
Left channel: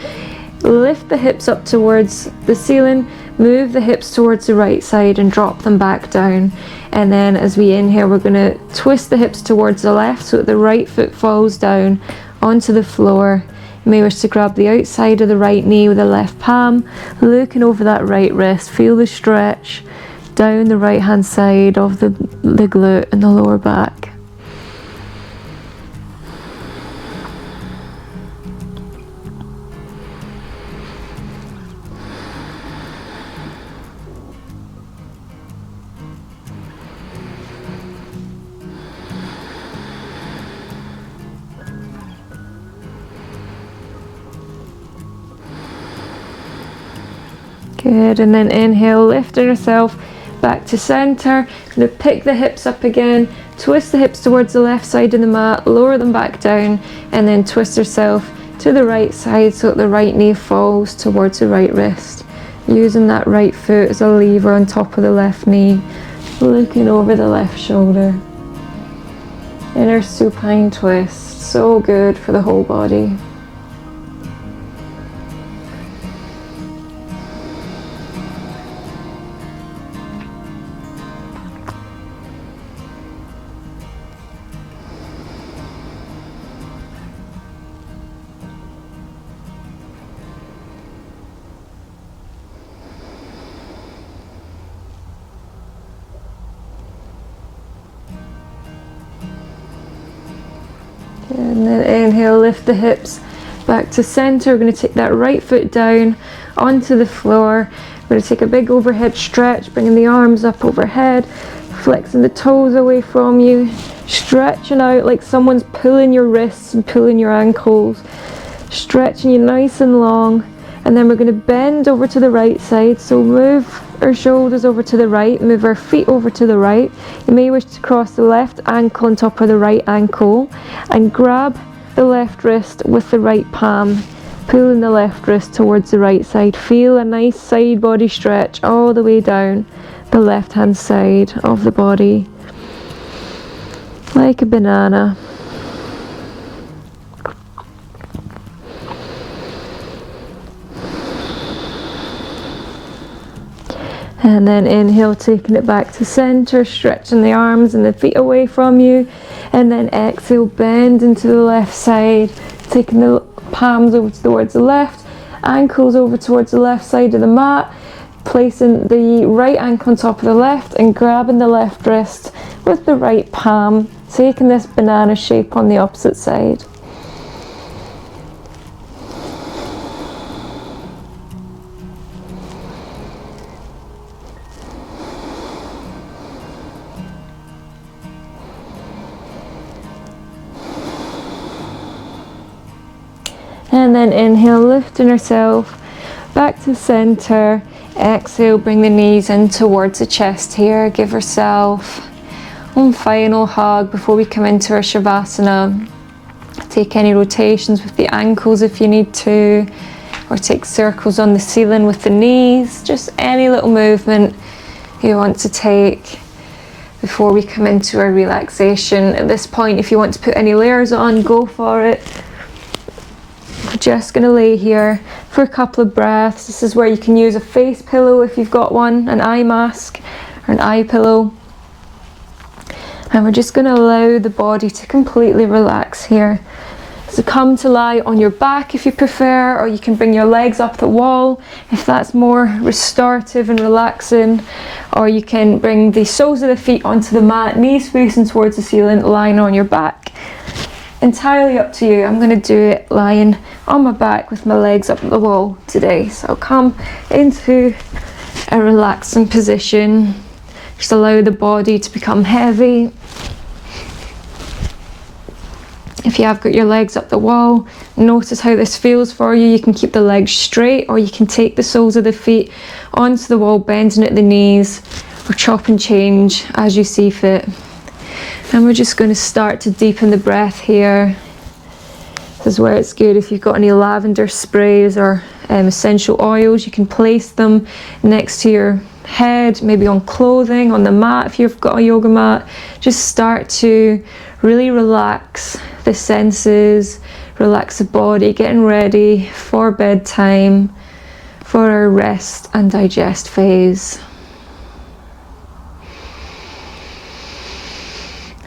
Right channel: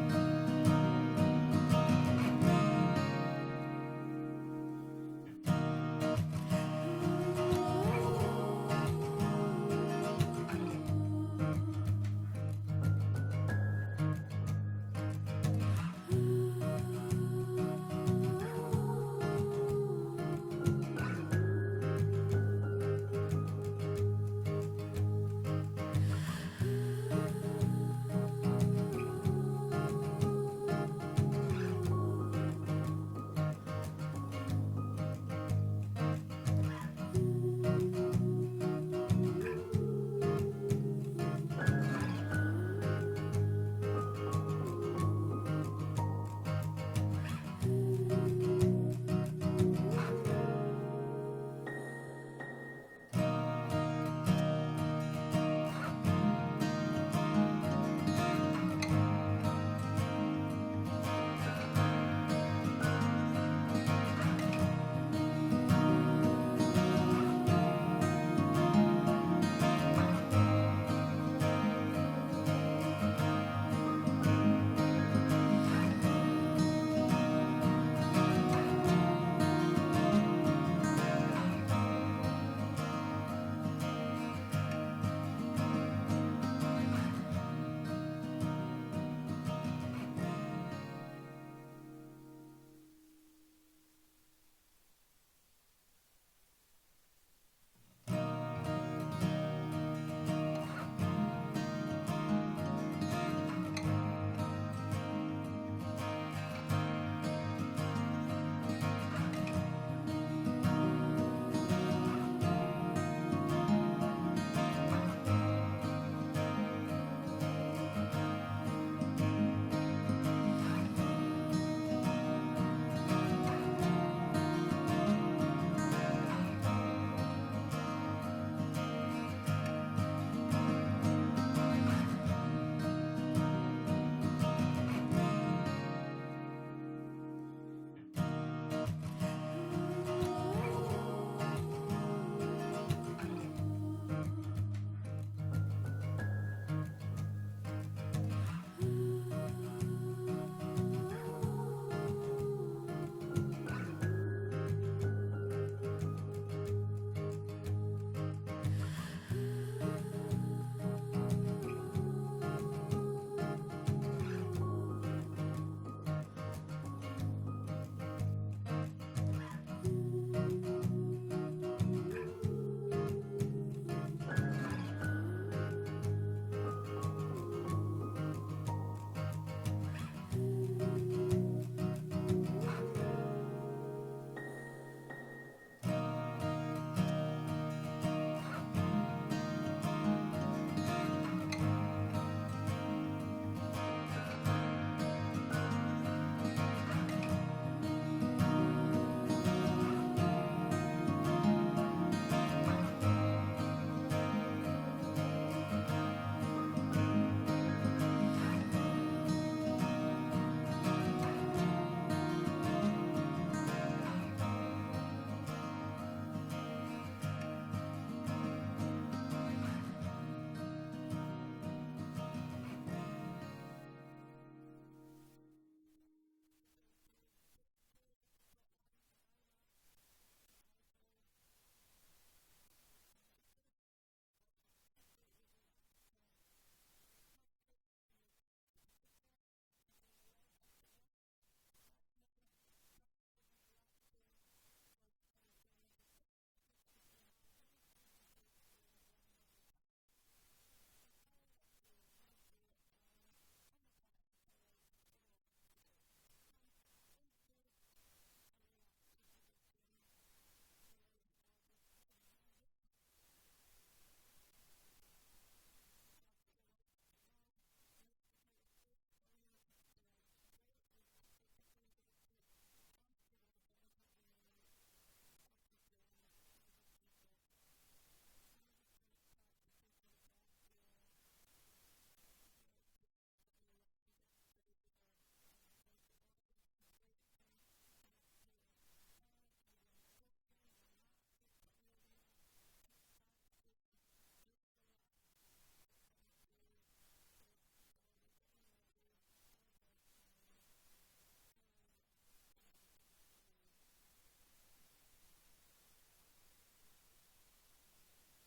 lift the hips up towards the ceiling, move the hips towards the right side and drop them back down. And then as we inhale, we're going to twist the hips towards the left so that the right foot falls down onto the floor. You may wish to grab the outside of the right knee with the left palm, looking over that right wrist. Feel the stretch down the right hand side of the glute and the lower back. Good, and then inhale, lifting yourself back to center. Going to pick the hips up again, twist the hips towards the left side of the mat, lower them back down, and then twist yourself to the right side so that the right knee falls towards the right wrist. Using that right foot as a lever on top of the left knee, looking over the left shoulder. Inner supine twist, so good for the whole body. And then inhale, lift the hips back to center. We're going to take that right foot down onto the floor. We're going to take a big overhead stretch, bringing the arms up overhead, flexing the toes away from you, stretching out like someone's pulling your wrists and pulling your ankles, stretching you nice and long. And then we're going to bend over to the right side. So move our shoulders over to the right, move our feet over to the right. You may wish to cross the left ankle on top of the right ankle and grab the left wrist with the right palm, pulling the left wrist towards the right side. Feel a nice side body stretch all the way down the left hand side of the body, like a banana. And then inhale, taking it back to center, stretching the arms and the feet away from you. And then exhale, bend into the left side, taking the palms over towards the left, ankles over towards the left side of the mat, placing the right ankle on top of the left and grabbing the left wrist with the right palm, taking this banana shape on the opposite side. And then inhale, lifting yourself back to center. Exhale, bring the knees in towards the chest here. Give yourself one final hug before we come into our Savasana. Take any rotations with the ankles if you need to, or take circles on the ceiling with the knees. Just any little movement you want to take before we come into our relaxation. At this point, if you want to put any layers on, go for it. We're just going to lay here for a couple of breaths. This is where you can use a face pillow if you've got one, an eye mask or an eye pillow. And we're just going to allow the body to completely relax here. So come to lie on your back if you prefer, or you can bring your legs up the wall if that's more restorative and relaxing. Or you can bring the soles of the feet onto the mat, knees facing towards the ceiling, lying on your back. Entirely up to you. I'm going to do it lying on my back with my legs up the wall today. So I'll come into a relaxing position. Just allow the body to become heavy. If you have got your legs up the wall, notice how this feels for you. You can keep the legs straight, or you can take the soles of the feet onto the wall, bending at the knees, or chop and change as you see fit. And we're just going to start to deepen the breath here. This is where it's good if you've got any lavender sprays or essential oils, you can place them next to your head, maybe on clothing, on the mat if you've got a yoga mat. Just start to really relax the senses, relax the body, getting ready for bedtime, for our rest and digest phase.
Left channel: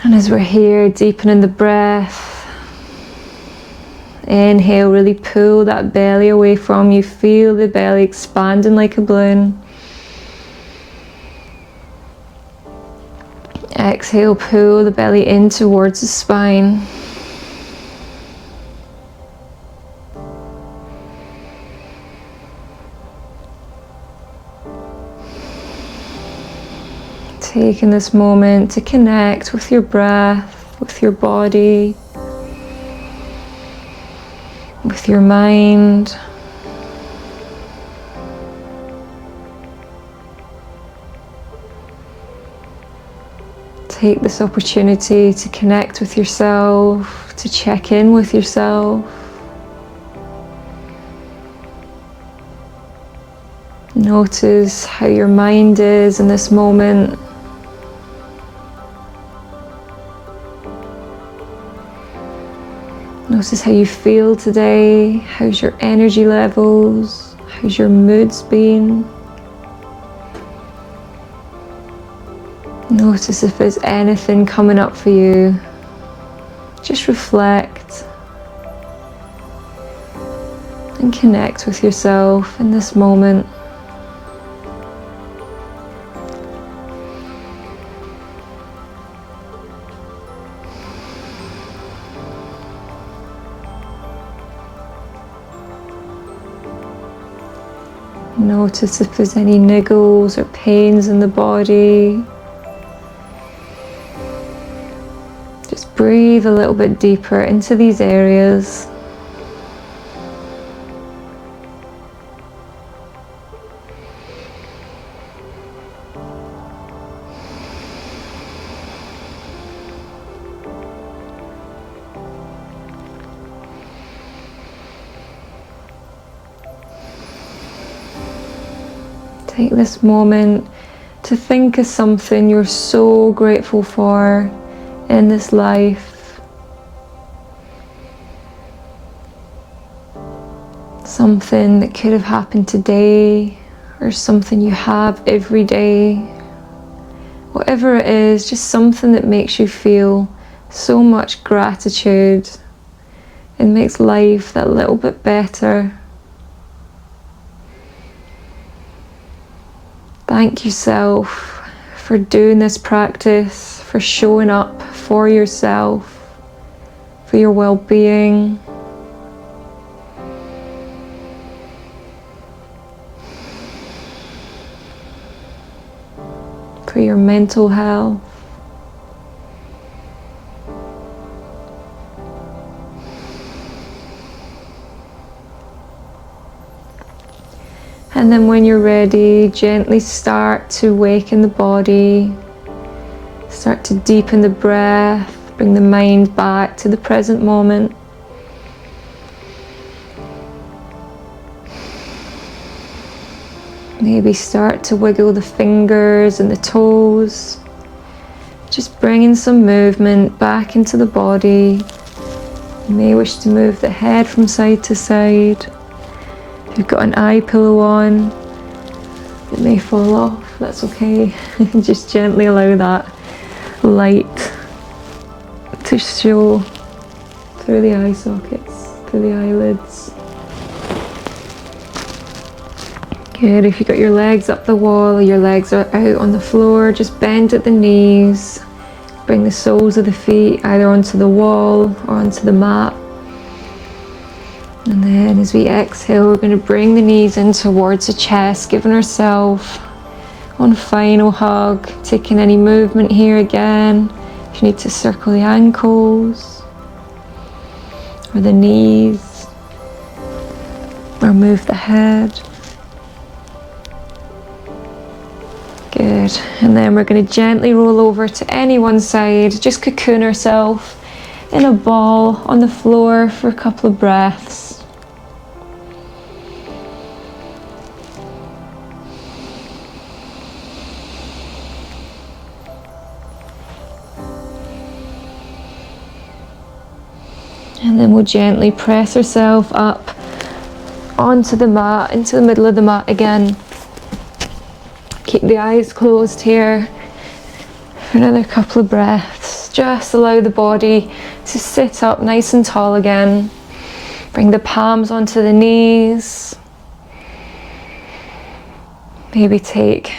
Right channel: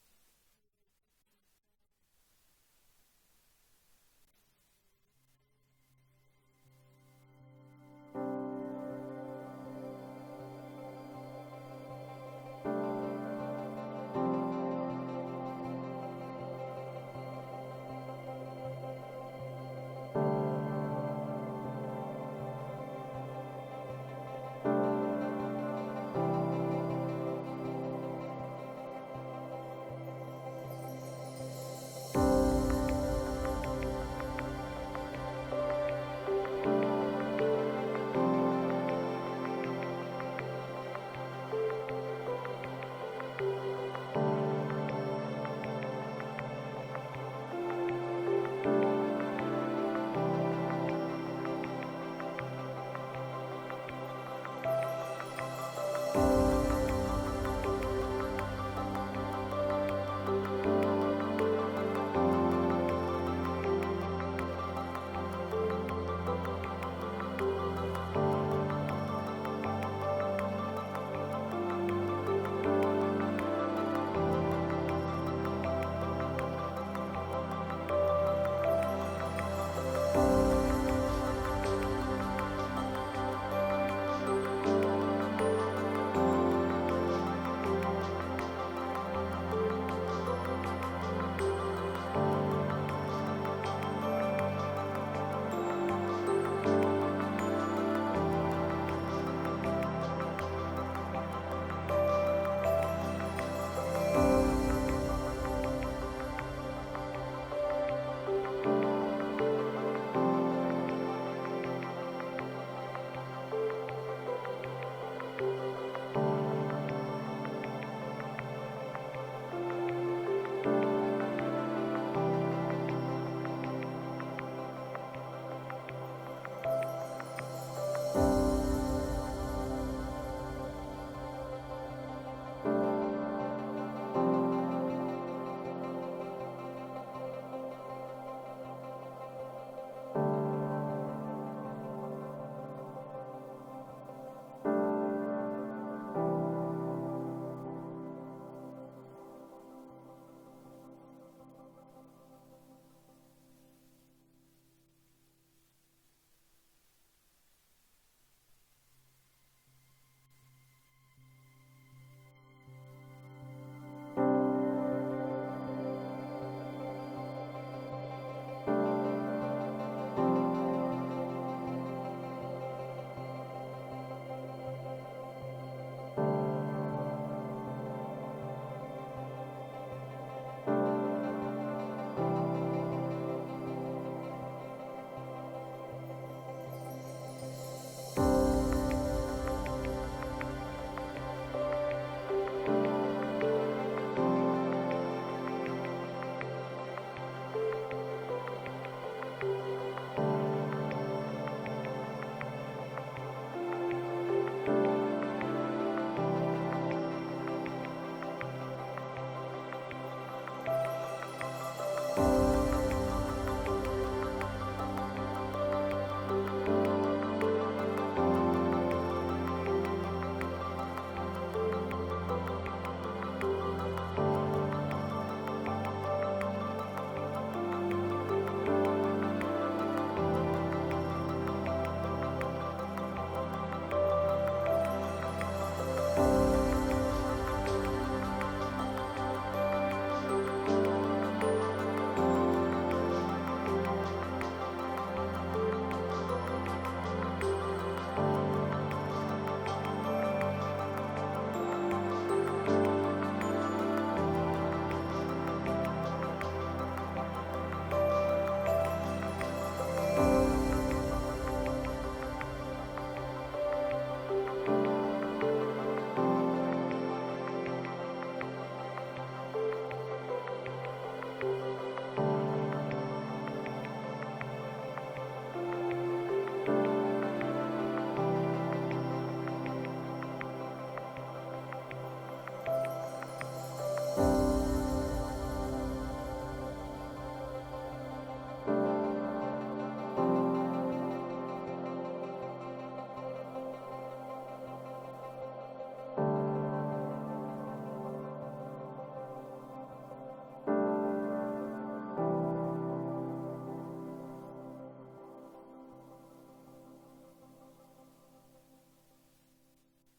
And as we're here, deepening the breath, inhale, really pull that belly away from you, feel the belly expanding like a balloon. Exhale, pull the belly in towards the spine. Taking this moment to connect with your breath, with your body, with your mind. Take this opportunity to connect with yourself, to check in with yourself. Notice how your mind is in this moment. Notice how you feel today. How's your energy levels? How's your moods been? Notice if there's anything coming up for you. Just reflect and connect with yourself in this moment. Notice if there's any niggles or pains in the body. Just breathe a little bit deeper into these areas. Take this moment to think of something you're so grateful for in this life. Something that could have happened today, or something you have every day. Whatever it is, just something that makes you feel so much gratitude and makes life that little bit better. Thank yourself for doing this practice, for showing up for yourself, for your well-being. For your mental health. And then when you're ready, gently start to waken the body. Start to deepen the breath, bring the mind back to the present moment. Maybe start to wiggle the fingers and the toes. Just bringing some movement back into the body. You may wish to move the head from side to side. If you've got an eye pillow on, it may fall off, that's okay. Just gently allow that light to show through the eye sockets, through the eyelids. Good, if you've got your legs up the wall, or your legs are out on the floor, just bend at the knees. Bring the soles of the feet either onto the wall or onto the mat. And then as we exhale, we're going to bring the knees in towards the chest, giving ourselves one final hug, taking any movement here again. If you need to circle the ankles or the knees, or move the head. Good, and then we're going to gently roll over to any one side, just cocoon ourselves in a ball on the floor for a couple of breaths. And then we'll gently press ourselves up onto the mat, into the middle of the mat again. Keep the eyes closed here for another couple of breaths. Just allow the body to sit up nice and tall again. Bring the palms onto the knees. Maybe take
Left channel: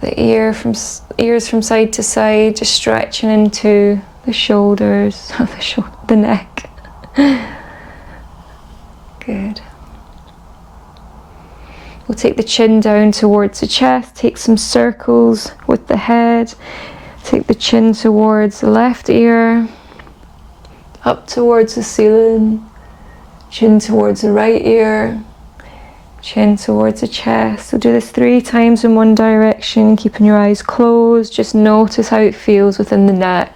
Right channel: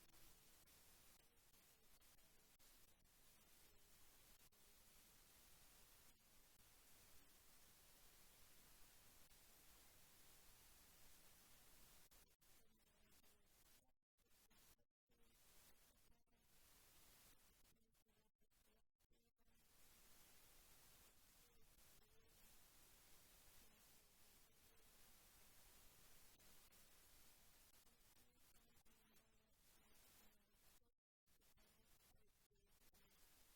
the ears from side to side, just stretching into the shoulders, the neck. Good. We'll take the chin down towards the chest, take some circles with the head, take the chin towards the left ear, up towards the ceiling, chin towards the right ear, chin towards the chest. We'll do this 3 times in one direction, keeping your eyes closed. Just notice how it feels within the neck.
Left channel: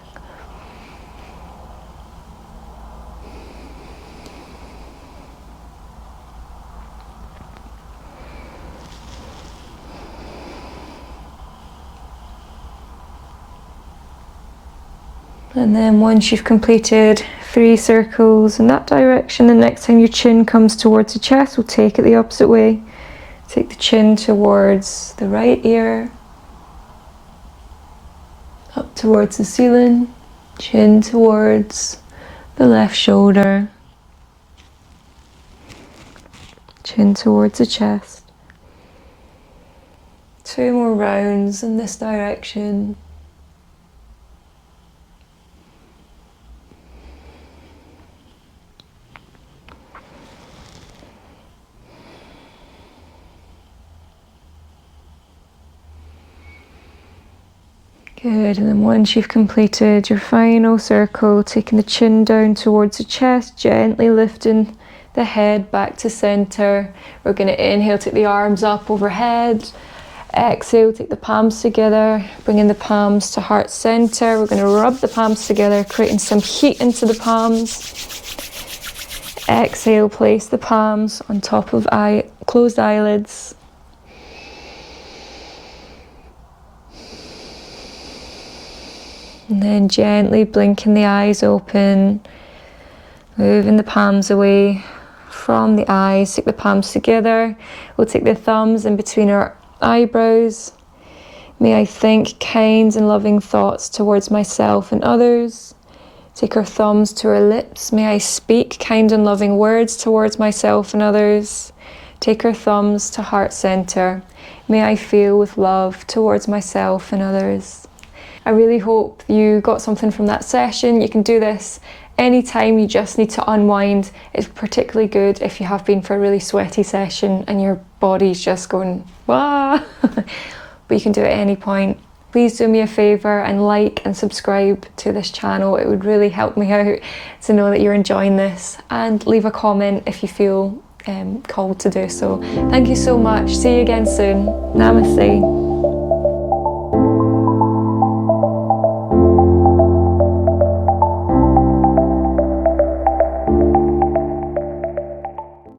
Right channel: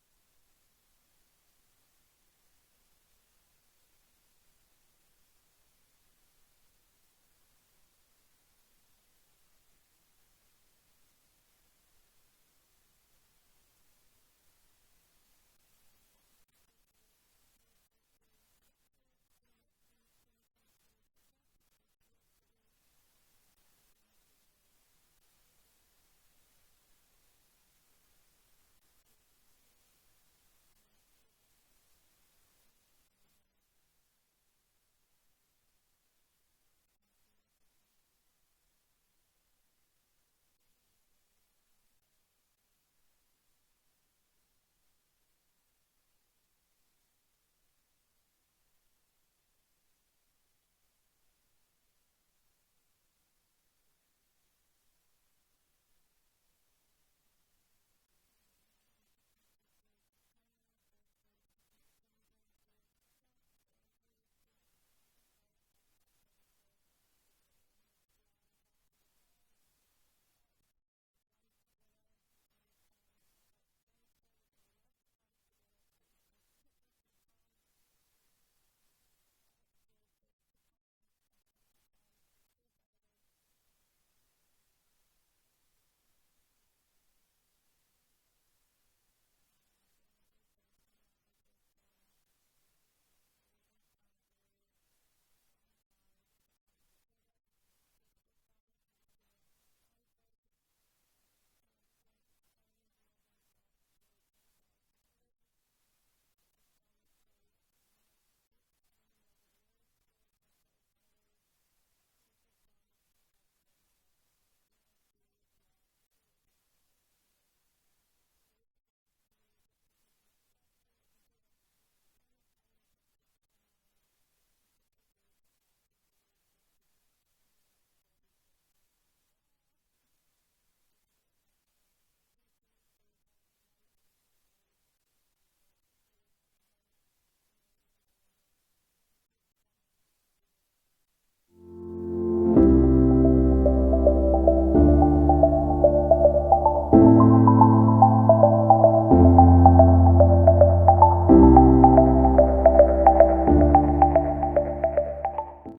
And then once you've completed 3 circles in that direction, the next time your chin comes towards the chest, we'll take it the opposite way. Take the chin towards the right ear, up towards the ceiling, chin towards the left shoulder, chin towards the chest. 2 more rounds in this direction. Good, and then once you've completed your final circle, taking the chin down towards the chest, gently lifting the head back to center. We're going to inhale, take the arms up overhead. Exhale, take the palms together, bringing the palms to heart center. We're going to rub the palms together, creating some heat into the palms. Exhale, place the palms on top of closed eyelids. And then gently blinking the eyes open, moving the palms away from the eyes. Take the palms together. We'll take the thumbs in between our eyebrows. May I think kind and loving thoughts towards myself and others. Take our thumbs to our lips. May I speak kind and loving words towards myself and others. Take our thumbs to heart center. May I feel with love towards myself and others. I really hope you got something from that session. You can do this anytime you just need to unwind. It's particularly good if you have been for a really sweaty session and your body's just going, wah! But you can do it at any point. Please do me a favour and like and subscribe to this channel. It would really help me out to know that you're enjoying this, and leave a comment if you feel called to do so. Thank you so much. See you again soon. Namaste.